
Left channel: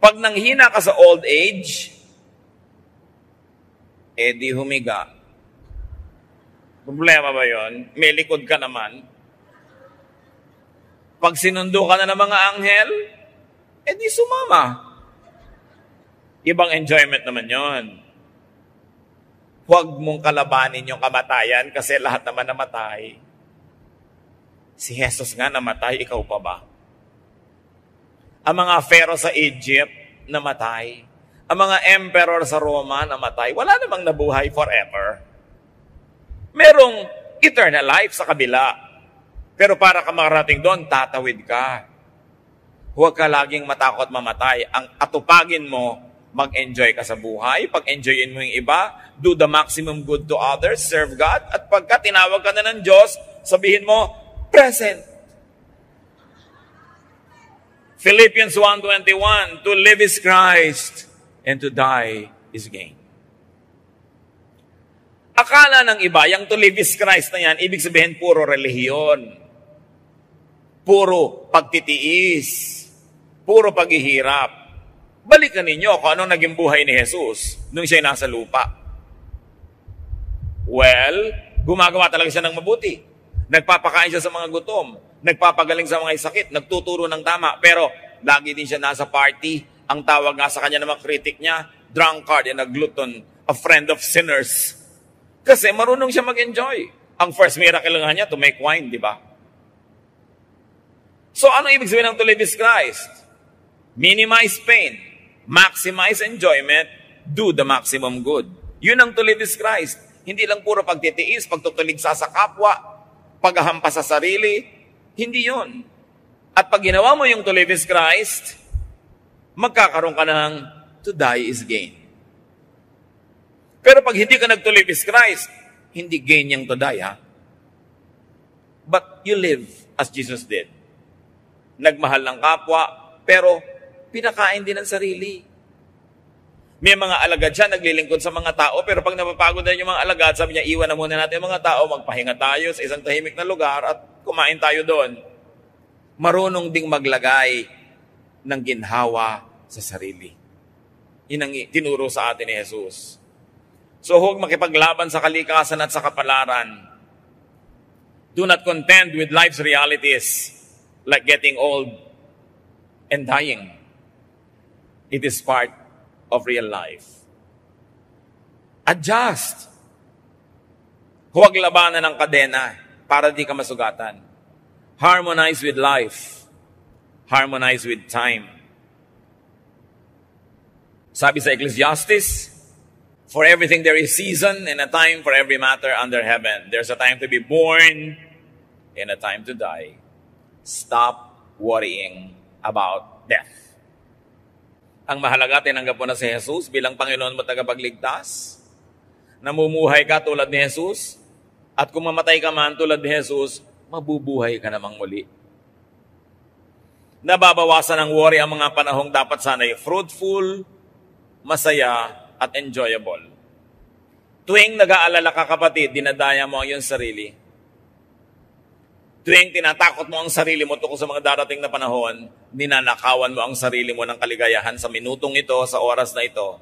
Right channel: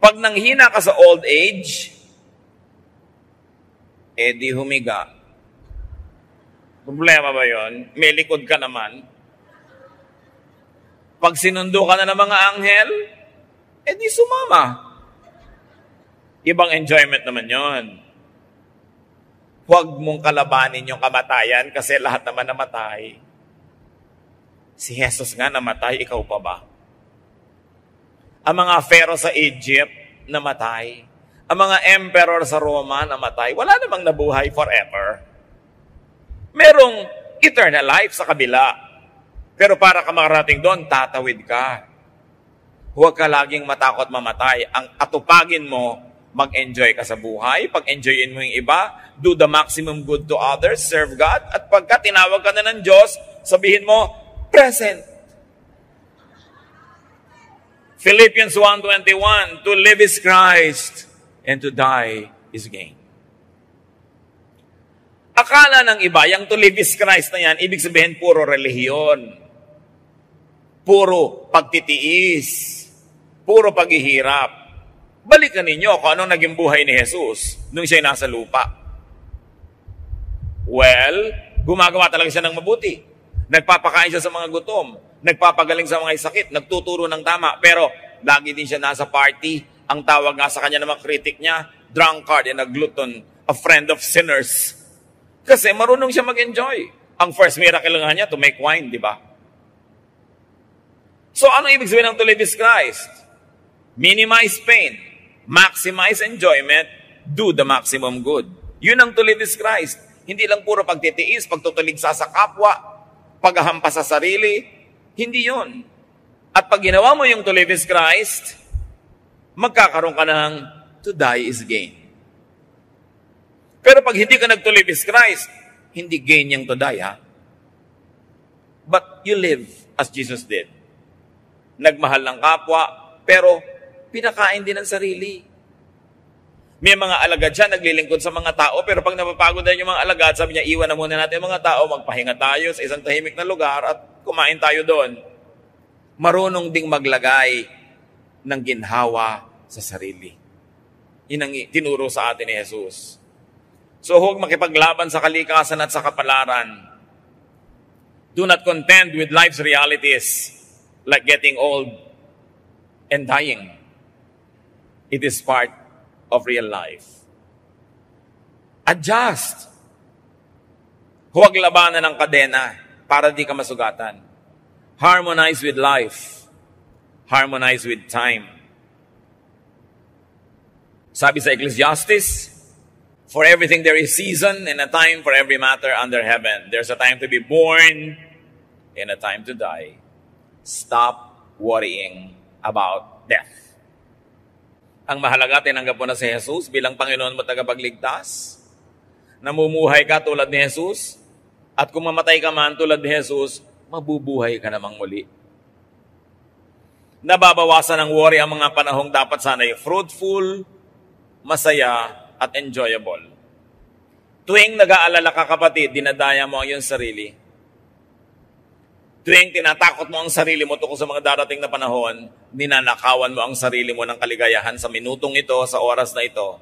Pag nanghina ka sa old age, di humiga. Problema ba yon? May likod ka naman. Pag sinundo ka na ng mga anghel, di sumama. Ibang enjoyment naman yon. Huwag mong kalabanin yung kamatayan kasi lahat naman namatay. Si Jesus nga namatay, ikaw pa ba? Ang mga pharaoh sa Egypt, namatay. Ang mga emperor sa Roma, namatay. Wala namang nabuhay forever. Merong eternal life sa kabila. Pero para ka makarating doon, tatawid ka. Huwag ka laging matakot mamatay. Ang atupagin mo, mag-enjoy ka sa buhay. Pag-enjoyin mo yung iba, do the maximum good to others, serve God. At pagka tinawag ka na ng Diyos, sabihin mo, present. Philippians 1:21, to live is Christ, and to die is gain. Akala ng iba, yung to live is Christ na yan, ibig sabihin puro relihiyon. Puro pagtitiis. Puro paghihirap. Balikan ninyo kung anong naging buhay ni Jesus nung siya'y nasa lupa. Well, gumagawa talaga siya ng mabuti. Nagpapakain siya sa mga gutom. Nagpapagaling sa mga sakit. Nagtuturo ng tama. Pero lagi din siya nasa party. Ang tawag nga sa kanya ng mga kritik niya, drunkard and a glutton, a friend of sinners. Kasi marunong siya mag-enjoy. Ang first miracle nga niya, to make wine, di ba? So ano ibig sabihin ng to live is Christ? Minimize pain. Maximize enjoyment. Do the maximum good. Yun ang to live is Christ. Hindi lang puro pagtitiis, pagtutuligsa sa kapwa, paghahampas sa sarili. Hindi yun. At pag ginawa mo yung to live is Christ, magkakaroon ka ng to die is gain. Pero pag hindi ka nag to live is Christ, hindi gain yung to die, ha? But you live as Jesus did. Nagmahal ng kapwa, pero pinakain din ang sarili. May mga alagad siya, naglilingkod sa mga tao, pero pag napapagod na yung mga alagad, sabi niya, iwan na muna natin yung mga tao, magpahinga tayo sa isang tahimik na lugar at kumain tayo doon. Marunong ding maglagay ng ginhawa sa sarili. Yun ang tinuro sa atin ni Jesus. So huwag makipaglaban sa kalikasan at sa kapalaran. Do not contend with life's realities like getting old and dying. It is part of real life. Adjust. Huwag labanan ng kadena para di ka masugatan. Harmonize with life. Harmonize with time. Sabi sa Ecclesiastes, for everything there is season and a time for every matter under heaven. There's a time to be born and a time to die. Stop worrying about death. Ang mahalaga, tinanggap mo na si Jesus bilang Panginoon mo tagapagligtas. Namumuhay ka tulad ni Jesus. At kung mamatay ka man tulad ni Jesus, mabubuhay ka namang muli. Nababawasan ng worry ang mga panahong dapat sana'y fruitful, masaya, at enjoyable. Tuwing nag-aalala ka, kapatid, dinadaya mo ang iyong sarili. Tuwing tinatakot mo ang sarili mo tungkol sa mga darating na panahon, ninanakawan mo ang sarili mo ng kaligayahan sa minutong ito, sa oras na ito.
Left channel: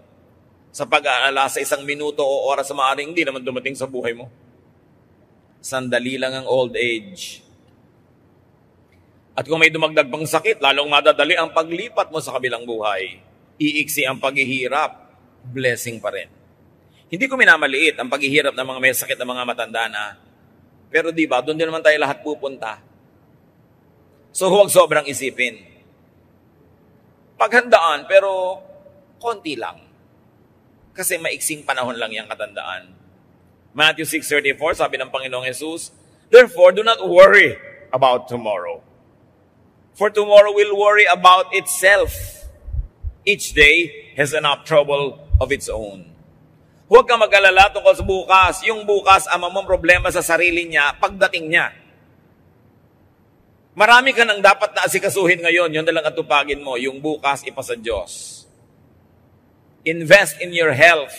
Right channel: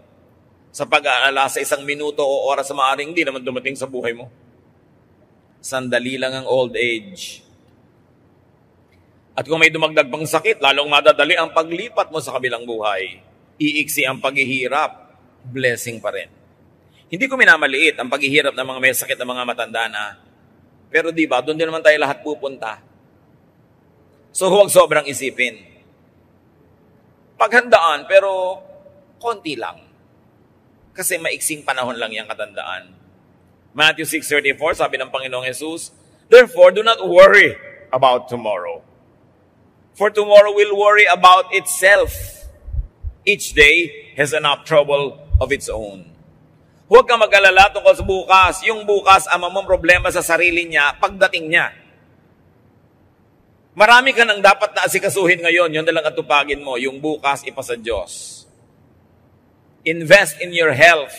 Sa pag-aalala sa isang minuto o oras sa maaaring hindi naman dumating sa buhay mo. Sandali lang ang old age. At kung may dumagdag pang sakit, lalong madadali ang paglipat mo sa kabilang buhay. Iiksi ang paghihirap, blessing pa rin. Hindi ko minamaliit ang paghihirap ng mga may sakit ng mga matanda na. Pero di ba, doon din naman tayo lahat pupunta. So huwag sobrang isipin. Paghandaan, pero konti lang. Kasi maiksing panahon lang yung katandaan. Matthew 6:34, sabi ng Panginoong Jesus, "Therefore, do not worry about tomorrow. For tomorrow will worry about itself. Each day has enough trouble of its own." Huwag kang mag-alala tungkol sa bukas. Yung bukas, ang mamang problema sa sarili niya, pagdating niya. Marami ka nang dapat na asikasuhin ngayon. Yun na lang atupagin mo. Yung bukas, ipasa Diyos. Invest in your health.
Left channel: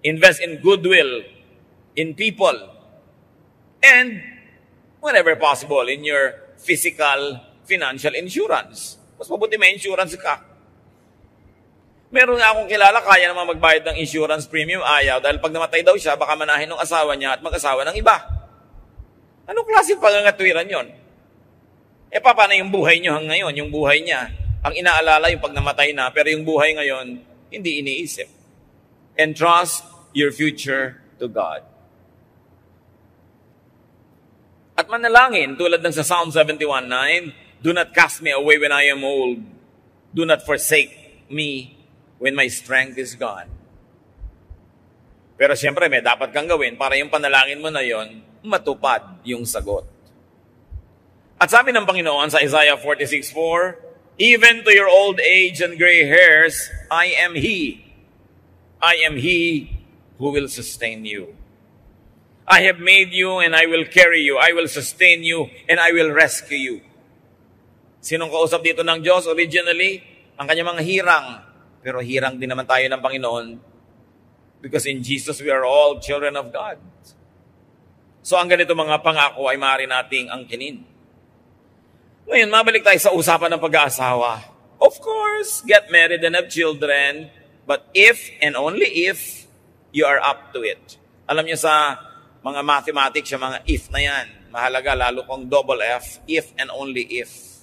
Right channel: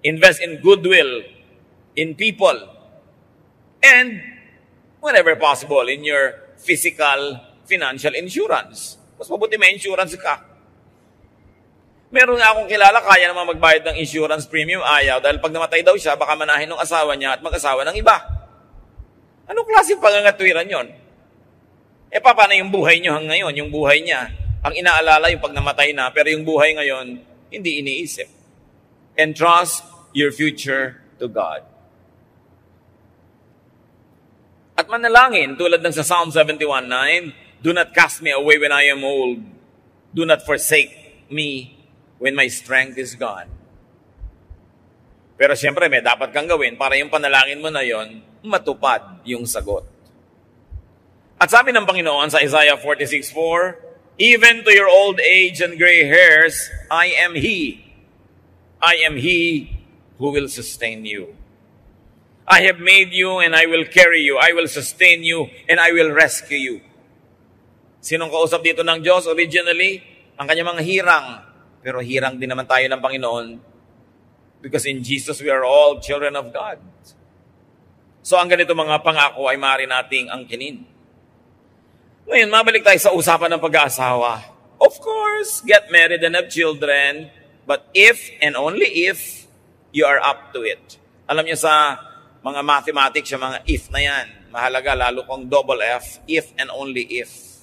Invest in goodwill, in people. And, whenever possible, in your physical, financial insurance. Mas mabuti may insurance ka. Meron nga akong kilala, kaya naman magbayad ng insurance premium, ayaw. Dahil pag namatay daw siya, baka manahin ng asawa niya at mag-asawa ng iba. Anong klaseng pangangatwiran yon? Paano yung buhay niyo hanggang ngayon? Yung buhay niya, ang inaalala yung pag namatay na, pero yung buhay ngayon, hindi iniisip. Entrust your future to God. At manalangin, tulad ng sa Psalm 71:9, "Do not cast me away when I am old. Do not forsake me when my strength is gone." Pero siyempre, may dapat kang gawin para yung panalangin mo na yon, matupad yung sagot. At sabi ng Panginoon sa Isaiah 46:4, "Even to your old age and gray hairs, I am He. I am He who will sustain you. I have made you and I will carry you. I will sustain you and I will rescue you." Sinong kausap dito ng Diyos originally? Ang kanyang mga hirang. Pero hirang din naman tayo ng Panginoon. Because in Jesus, we are all children of God. So ang ganito mga pangako ay maaari nating angkinin. Ngayon, mabalik tayo sa usapan ng pag-aasawa. Of course, get married and have children. But if and only if you are up to it. Alam niyo sa mga mathematics, yung mga if na yan, mahalaga lalo kung double F, if and only if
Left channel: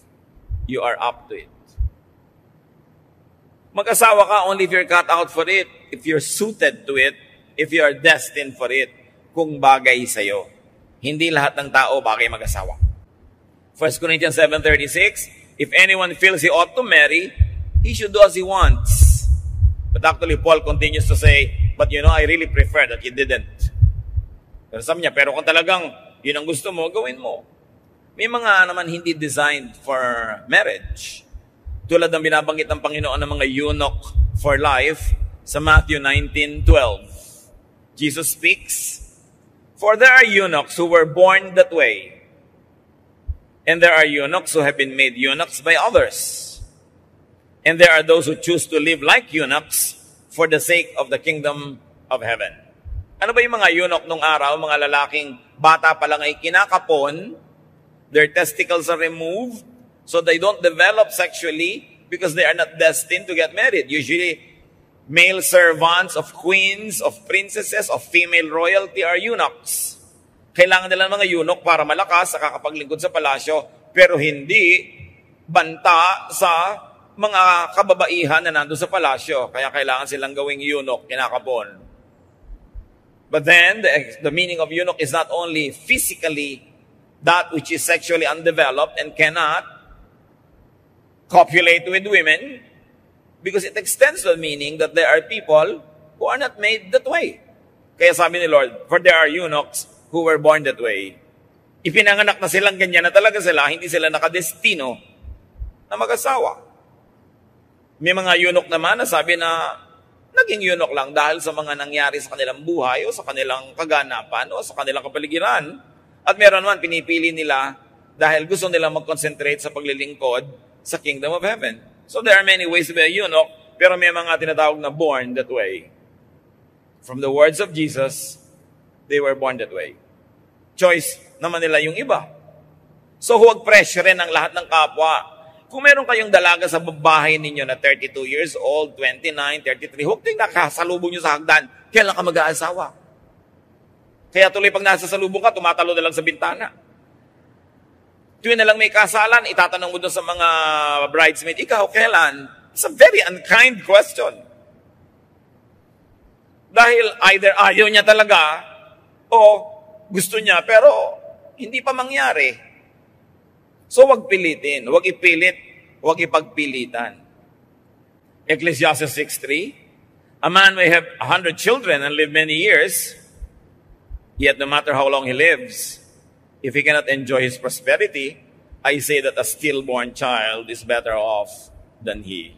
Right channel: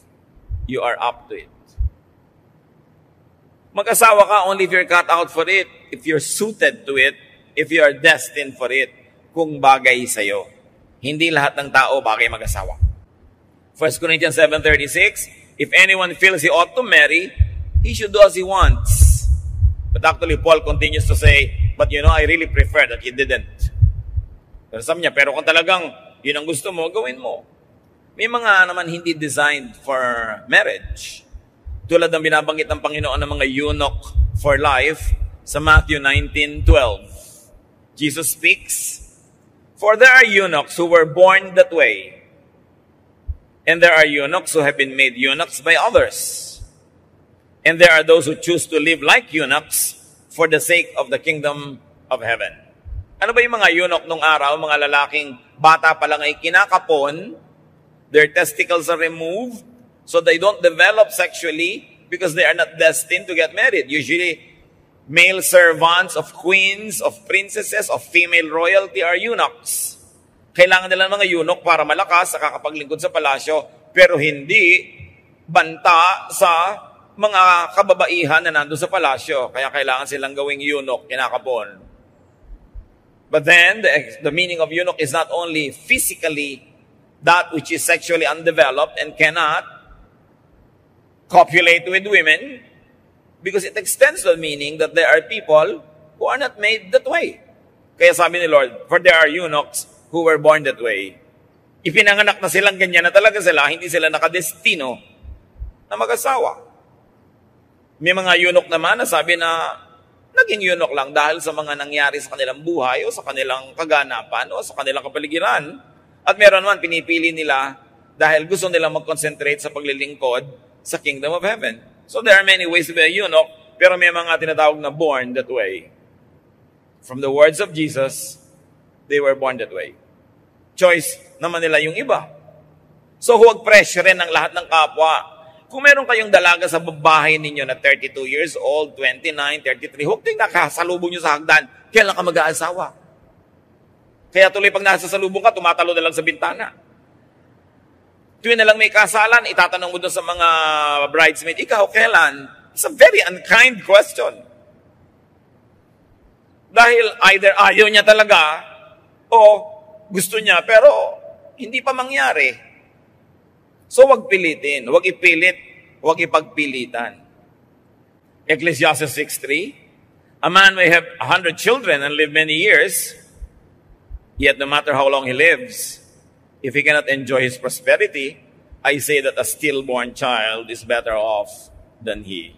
you are up to it. Mag-asawa ka only if you're cut out for it, if you're suited to it, if you are destined for it, kung bagay sa'yo. Hindi lahat ng tao bagay mag-asawa. 1 Corinthians 7:36, "If anyone feels he ought to marry, he should do as he wants." But actually, Paul continues to say, "But I really prefer that you didn't." Pero sabi niya, pero kung talagang yun ang gusto mo, gawin mo. May mga naman hindi designed for marriage. Tulad ng binabanggit ng Panginoon ng mga eunuch for life sa Matthew 19:12. Jesus speaks, "For there are eunuchs who were born that way, and there are eunuchs who have been made eunuchs by others. And there are those who choose to live like eunuchs for the sake of the kingdom of heaven." Ano ba yung mga eunuch nung araw? Mga lalaking bata pa lang ay kinakapon, their testicles are removed, so they don't develop sexually because they are not destined to get married. Usually, male servants of queens, of princesses, of female royalty are eunuchs. Kailangan nila ng mga eunuch para malakas sa kakapaglingkod sa palasyo, pero hindi banta sa mga kababaihan na nandun sa palasyo. Kaya kailangan silang gawing eunuch, kinakapon. But then, the meaning of eunuch is not only physically that which is sexually undeveloped and cannot copulate with women, because it extends the meaning that there are people who are not made that way. Kaya sabi ni Lord, "For there are eunuchs who were born that way." Ipinanganak na silang ganyan na talaga sila, hindi sila nakadestino na mag-asawa. May mga eunuch naman na sabi na naging eunuch lang dahil sa mga nangyari sa kanilang buhay o sa kanilang kaganapan o sa kanilang kapaligiran. At meron naman pinipili nila dahil gusto nilang mag-concentrate sa paglilingkod sa kingdom of heaven. So there are many ways to be a eunuch, pero may mga tinatawag na born that way. From the words of Jesus, they were born that way. Choice naman nila yung iba. So huwag pressure ang lahat ng kapwa. Kung meron kayong dalaga sa babae ninyo na 32 years old, 29, 33, huwag din nakasalubong nyo sa hagdan. Kailan ka mag-aasawa? Kaya tuloy pag nasa salubong ka, tumatalo na lang sa bintana. Tuwing na lang may kasalan, itatanong mo doon sa mga bridesmaid, ikaw, kailan? It's a very unkind question. Dahil either ayaw niya talaga, o gusto niya, pero hindi pa mangyari. So wag pilitin, wag ipilit, wag ipagpilitan. Ecclesiastes 6:3, a man may have 100 children and live many years, yet no matter how long he lives, if he cannot enjoy his prosperity, I say that a stillborn child is better off than he.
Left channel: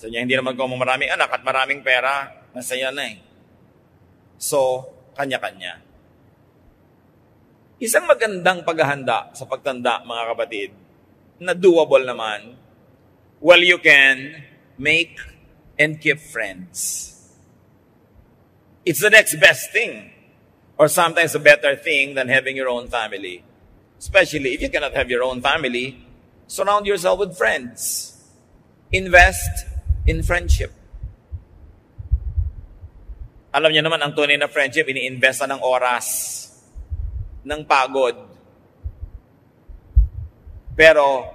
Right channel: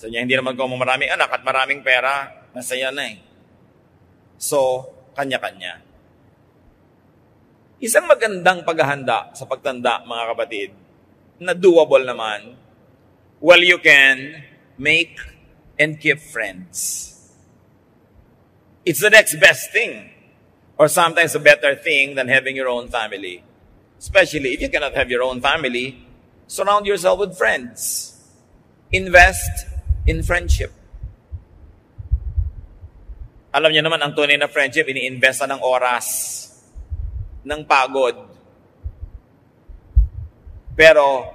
So niya, hindi naman kung maraming anak at maraming pera, masaya na eh. So, kanya-kanya. Isang magandang paghahanda sa pagtanda, mga kapatid, na doable naman, well, you can make and keep friends. It's the next best thing, or sometimes a better thing than having your own family. Especially if you cannot have your own family, surround yourself with friends. Invest in friendship. Alam niyo naman, ang tunay na friendship, ini-investa ng oras, ng pagod. Pero,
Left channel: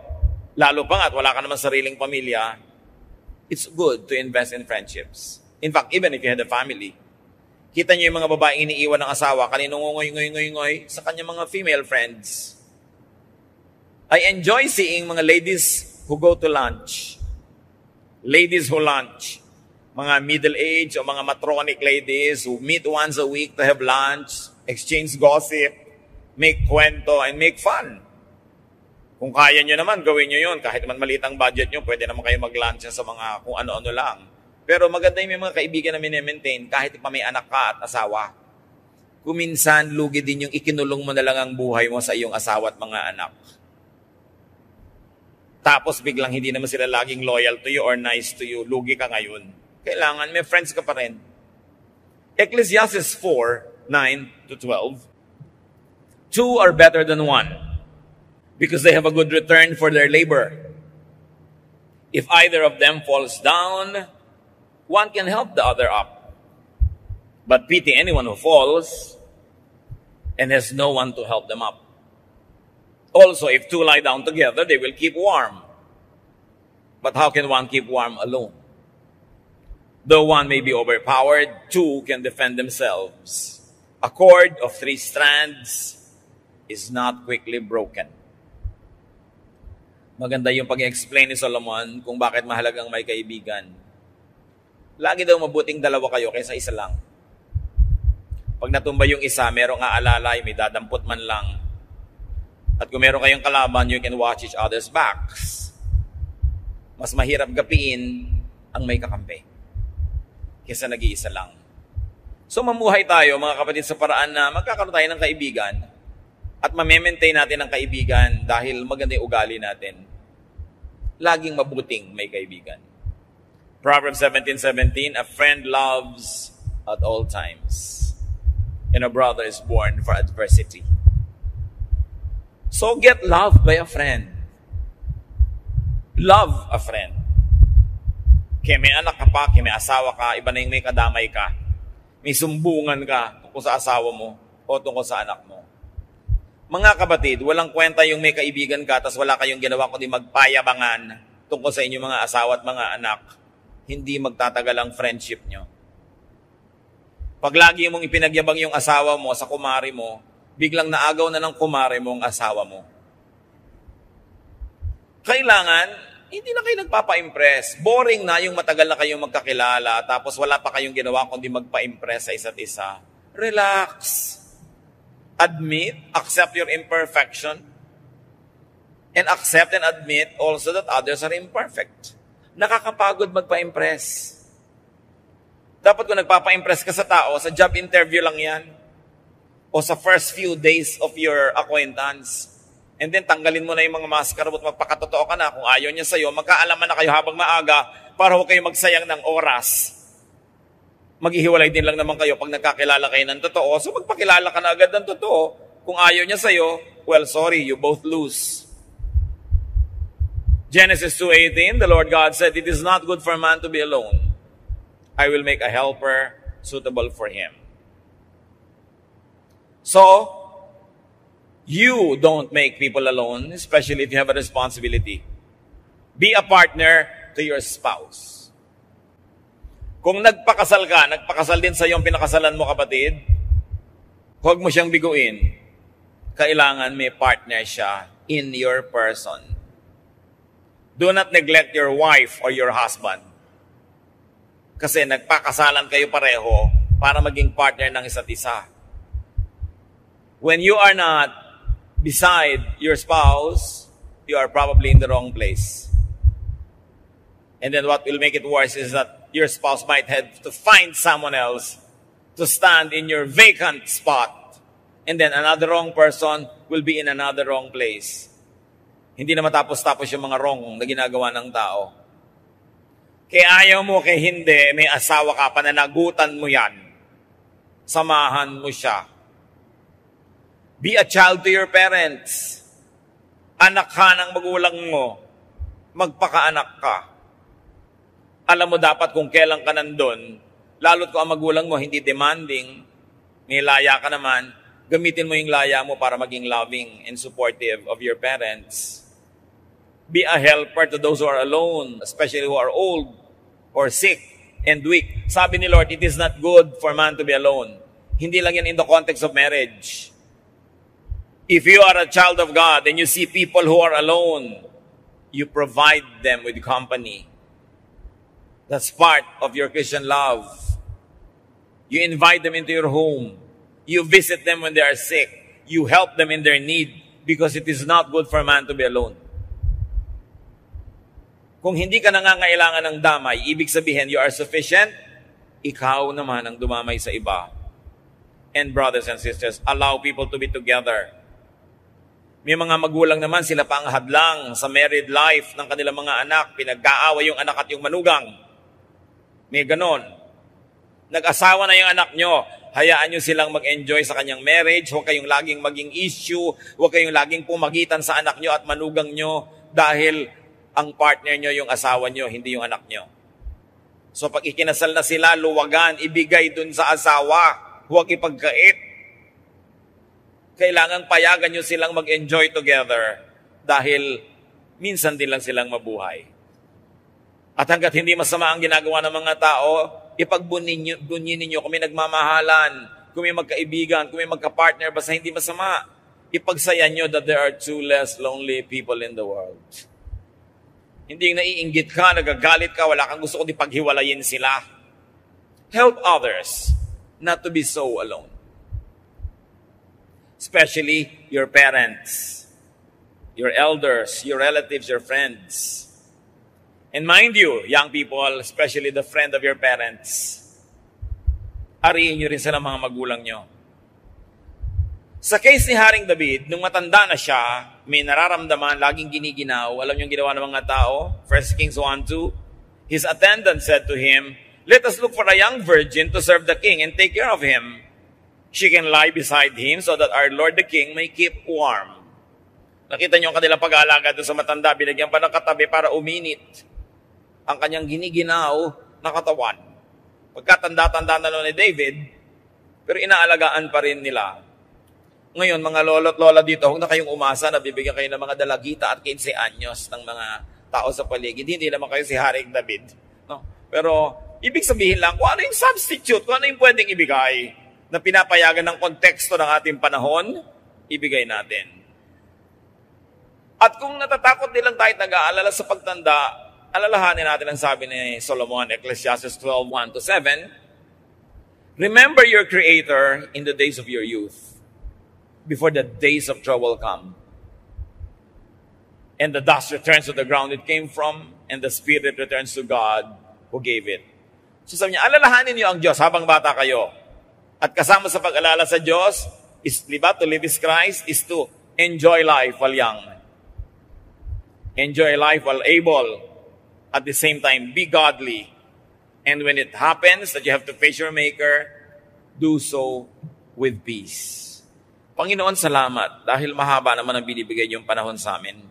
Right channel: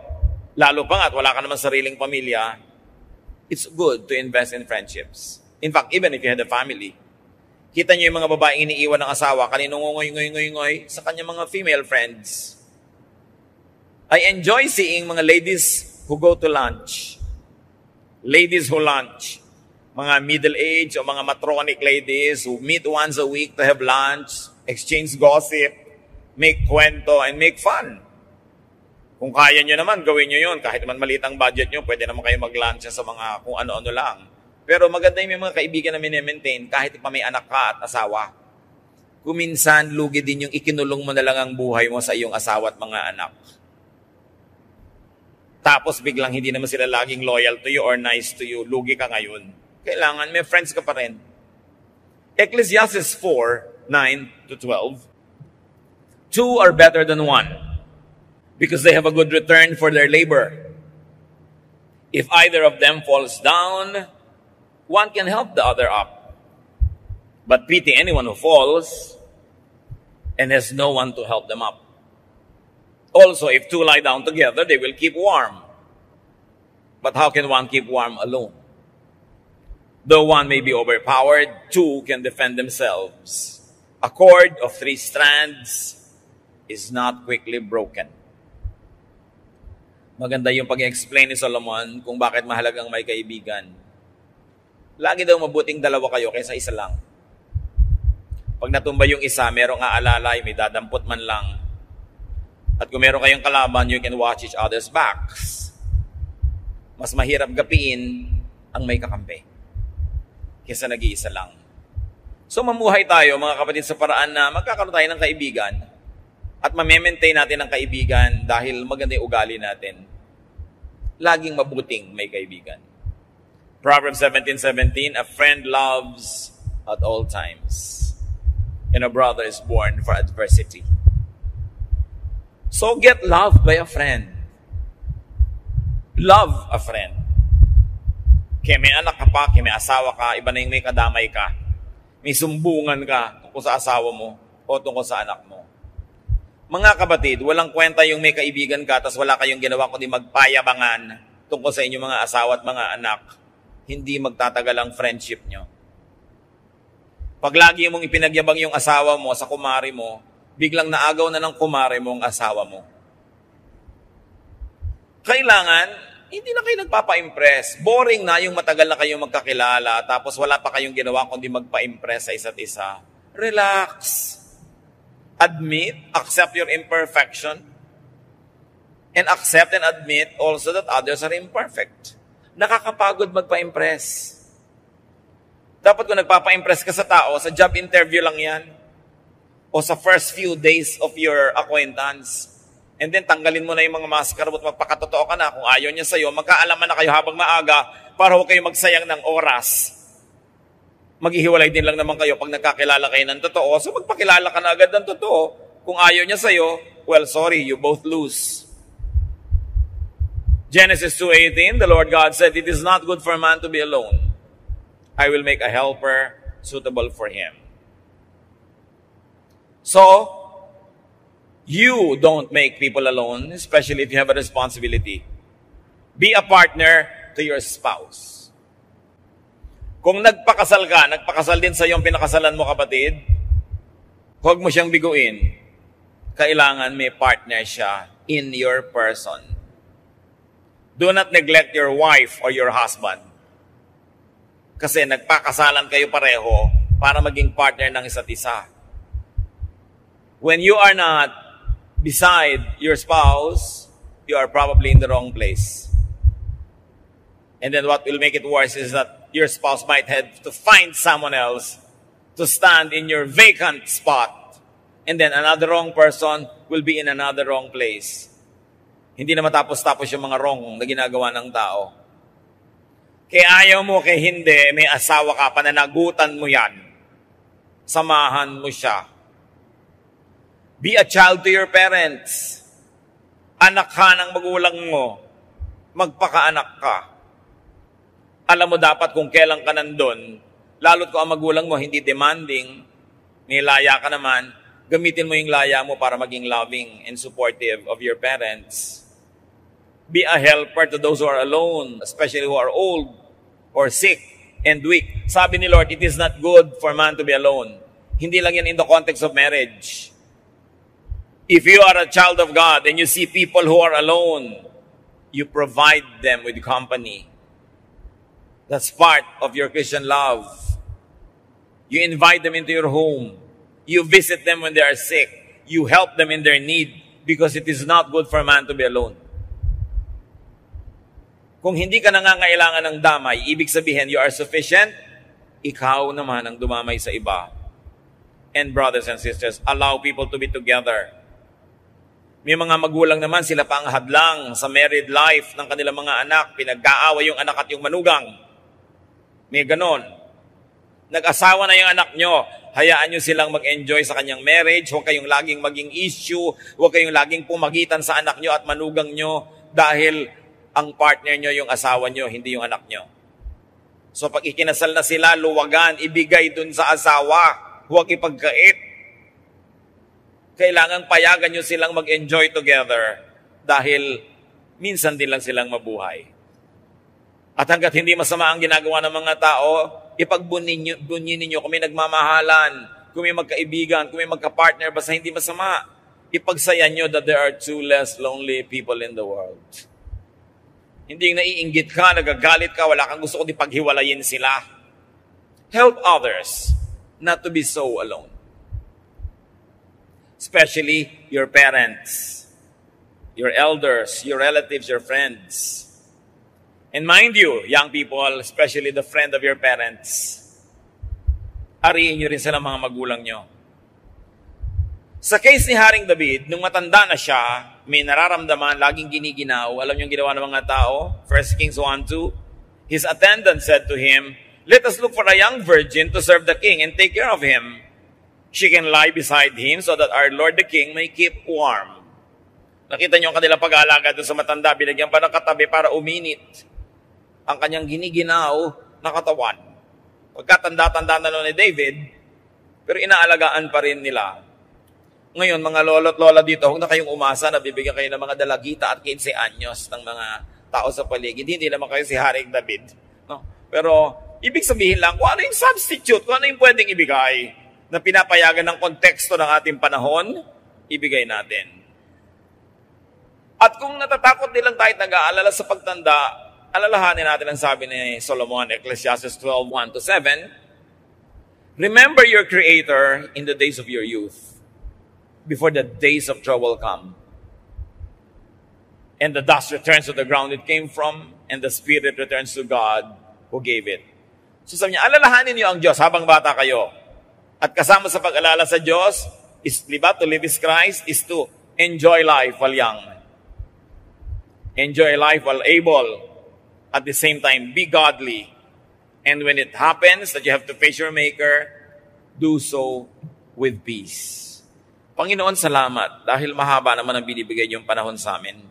lalo pa nga at wala ka naman sariling pamilya, it's good to invest in friendships. In fact, even if you had a family, kita niyo yung mga babaeng iniiwan ng asawa, kaninong ngoy sa kanyang mga female friends. I enjoy seeing mga ladies who go to lunch. Ladies who lunch. Mga middle-aged o mga matronic ladies who meet once a week to have lunch, exchange gossip, make kwento, and make fun. Kung kaya nyo naman, gawin nyo yun. Kahit naman malitang budget nyo, pwede naman kayo mag-lunch sa mga kung ano-ano lang. Pero maganda yung mga kaibigan na mini-maintain kahit pa may anak ka at asawa. Kuminsan, lugi din yung ikinulong mo na lang ang buhay mo sa iyong asawa at mga anak. Tapos biglang hindi naman sila laging loyal to you or nice to you. Lugi ka ngayon. Kailangan may friends ka pa rin. Ecclesiastes 4:9-12. Two are better than one, because they have a good return for their labor. If either of them falls down, one can help the other up. But pity anyone who falls and has no one to help them up. Also, if two lie down together, they will keep warm. But how can one keep warm alone? Though one may be overpowered, two can defend themselves. A cord of 3 strands is not quickly broken. Maganda yung pag-explain ni Solomon kung bakit mahalagang may kaibigan. Lagi daw mabuting dalawa kayo kaysa isa lang. Pag natumba yung isa, merong aalalay, may dadampot man lang. At kung meron kayong kalaban, you can watch each other's backs. Mas mahirap gapiin ang may kakampi kaysa nag-iisa lang. So mamuhay tayo, mga kapatid, sa paraan na magkakaroon tayo ng kaibigan at ma-maintain natin ang kaibigan dahil maganda yung ugali natin. Laging mabuting may kaibigan. Proverbs 17:17, a friend loves at all times, and a brother is born for adversity. So get loved by a friend. Love a friend. Kaya may anak ka pa, kaya may asawa ka, iba na yung may kadamay ka. May sumbungan ka tungkol sa asawa mo o tungkol sa anak mo. Mga kapatid, walang kwenta yung may kaibigan ka tapos wala kayong ginawa kundi magpayabangan tungkol sa inyong mga asawa at mga anak. Hindi magtatagal ang friendship nyo. Pag lagi mong ipinagyabang yung asawa mo sa kumari mo, biglang naagaw na ng kumari mo ang asawa mo. Kailangan, hindi na kayo nagpapa-impress. Boring na yung matagal na kayong magkakilala, tapos wala pa kayong ginawa kundi magpa-impress sa isa't isa. Relax. Admit, accept your imperfection, and accept and admit also that others are imperfect. Nakakapagod magpa-impress. Dapat kung nagpapa-impress ka sa tao, sa job interview lang yan, o sa first few days of your acquaintance, and then tanggalin mo na yung mga maskara at magpakatotoo ka na. Kung ayaw niya sa'yo, magkaalaman na kayo habang maaga para huwag kayo magsayang ng oras. Maghihiwalay din lang naman kayo pag nagkakilala kayo ng totoo. So magpakilala ka na agad ng totoo. Kung ayaw niya sa'yo, well, sorry, you both lose. Genesis 2:18, the Lord God said, it is not good for a man to be alone. I will make a helper suitable for him. So, You don't make people alone, especially if you have a responsibility. Be a partner to your spouse. Kung nagpakasal ka, nagpakasal din sa iyo ang pinakasalan mo, kapatid, huwag mo siyang biguin. Kailangan may partner siya in your person. Do not neglect your wife or your husband. Kasi nagpakasalan kayo pareho para maging partner ng isa't isa. When you are not beside your spouse, you are probably in the wrong place. And then what will make it worse is that your spouse might have to find someone else to stand in your vacant spot. And then another wrong person will be in another wrong place. Hindi na matapos-tapos yung mga wrong na ginagawa ng tao. Kaya ayaw mo, kaya hindi, may asawa ka, pananagutan mo yan. Samahan mo siya. Be a child to your parents. Anak ka ng magulang mo. Magpakaanak ka. Alam mo dapat kung kailan ka nandun, lalo't kung ang magulang mo hindi demanding, may laya ka naman, gamitin mo yung laya mo para maging loving and supportive of your parents. Be a helper to those who are alone, especially who are old or sick and weak. Sabi ni Lord, it is not good for man to be alone. Hindi lang yan in the context of marriage. If you are a child of God and you see people who are alone, you provide them with company. That's part of your Christian love. You invite them into your home. You visit them when they are sick. You help them in their need because it is not good for man to be alone. Kung hindi ka nangangailangan ng damay, ibig sabihin you are sufficient, ikaw naman ang dumamay sa iba. And brothers and sisters, allow people to be together. May mga magulang naman, sila pa ang hadlang sa married life ng kanilang mga anak. Pinag-aaway yung anak at yung manugang. May ganon. Nag-asawa na yung anak nyo. Hayaan nyo silang mag-enjoy sa kanyang marriage. Huwag kayong laging maging issue. Huwag kayong laging pumagitan sa anak nyo at manugang nyo dahil ang partner nyo yung asawa nyo, hindi yung anak nyo. So pag ikinasal na sila, luwagan, ibigay dun sa asawa. Huwag ipagkait. Kailangan payagan nyo silang mag-enjoy together dahil minsan din lang silang mabuhay. At hanggat hindi masama ang ginagawa ng mga tao, ipagbunyin ninyo kung may nagmamahalan, kung may magkaibigan, kung may magkapartner, basta hindi masama. Ipagsayan nyo that there are two less lonely people in the world. Hindi naiinggit ka, nagagalit ka, wala kang gusto kundi paghiwalayin sila. Help others not to be so alone. Especially your parents, your elders, your relatives, your friends. And mind you, young people, especially the friend of your parents, ariin nyo rin sila mga magulang nyo. Sa case ni Haring David, nung matanda na siya, may nararamdaman, laging giniginaw. Alam yung ginawa ng mga tao? 1 Kings 1:2. His attendant said to him, "Let us look for a young virgin to serve the king and take care of him. She can lie beside him so that our Lord the king may keep warm." Nakita niyo ang kanilang pag-aalaga doon sa matanda, binagyan pa ng katabi para uminit ang kanyang giniginaw na katawan. Pagkatanda-tanda na noon ni David, pero inaalagaan pa rin nila. Ngayon, mga lolo't lola dito, huwag na kayong umasa na bibigyan kayo ng mga dalagita at 15 anyos ng mga tao sa paligid. Hindi naman kayo si Haring David. No? Pero, ibig sabihin lang, kung ano yung substitute, kung ano yung pwedeng ibigay na pinapayagan ng konteksto ng ating panahon, ibigay natin. At kung natatakot din lang tayo at nag-aalala sa pagtanda, alalahanin natin ang sabi ni Solomon, Ecclesiastes 12:1-7. Remember your Creator in the days of your youth, before the days of trouble come. And the dust returns to the ground it came from, and the spirit returns to God who gave it. So sabi niya, alalahanin niyo ang Diyos habang bata kayo. At kasama sa pag-alala sa Diyos, is, diba, to live is Christ, is to enjoy life while young. Enjoy life while able. At the same time, be godly. And when it happens that you have to face your Maker, do so with peace. Panginoon, salamat dahil mahaba naman ang binibigay niyong panahon sa amin.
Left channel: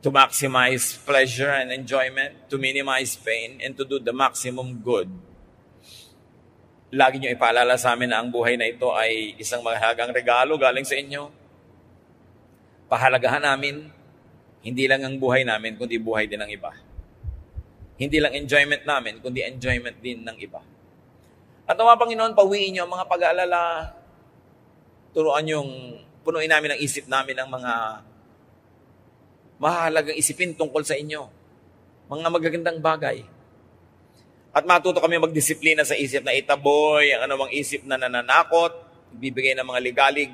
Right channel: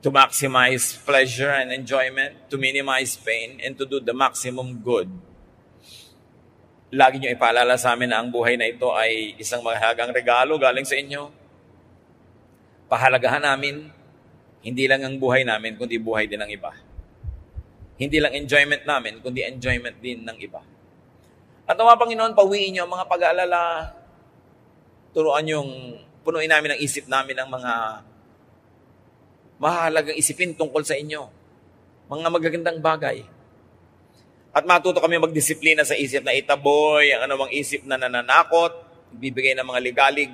To maximize pleasure and enjoyment, to minimize pain, and to do the maximum good. Lagi nyo ipaalala sa amin na ang buhay na ito ay isang mahalagang regalo galing sa inyo. Pahalagahan namin, hindi lang ang buhay namin, kundi buhay din ng iba. Hindi lang enjoyment namin, kundi enjoyment din ng iba. At nawa, Panginoon, pawiin nyo ang mga pag-aalala. Turuan yung punuin namin ang isip namin ng mga mahalagang isipin tungkol sa inyo. Mga magagandang bagay. At matuto kami magdisiplina sa isip na itaboy, ang anumang isip na nananakot, bibigay ng mga ligalig,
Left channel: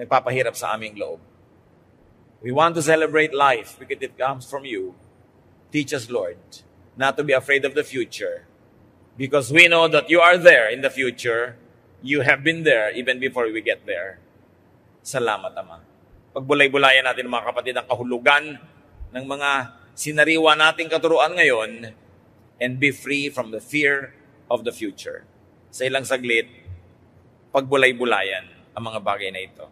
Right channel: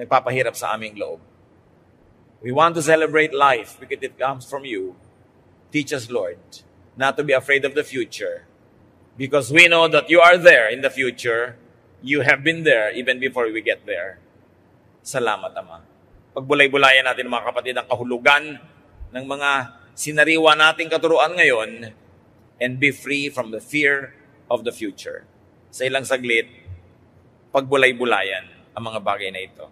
nagpapahirap sa aming loob. We want to celebrate life because it comes from you. Teach us, Lord, not to be afraid of the future. Because we know that you are there in the future. You have been there even before we get there. Salamat, Ama. Pagbulay-bulayan natin, mga kapatid, ang kahulugan ng mga sinariwa nating katuruan ngayon and be free from the fear of the future. Sa ilang saglit, pagbulay-bulayan ang mga bagay na ito.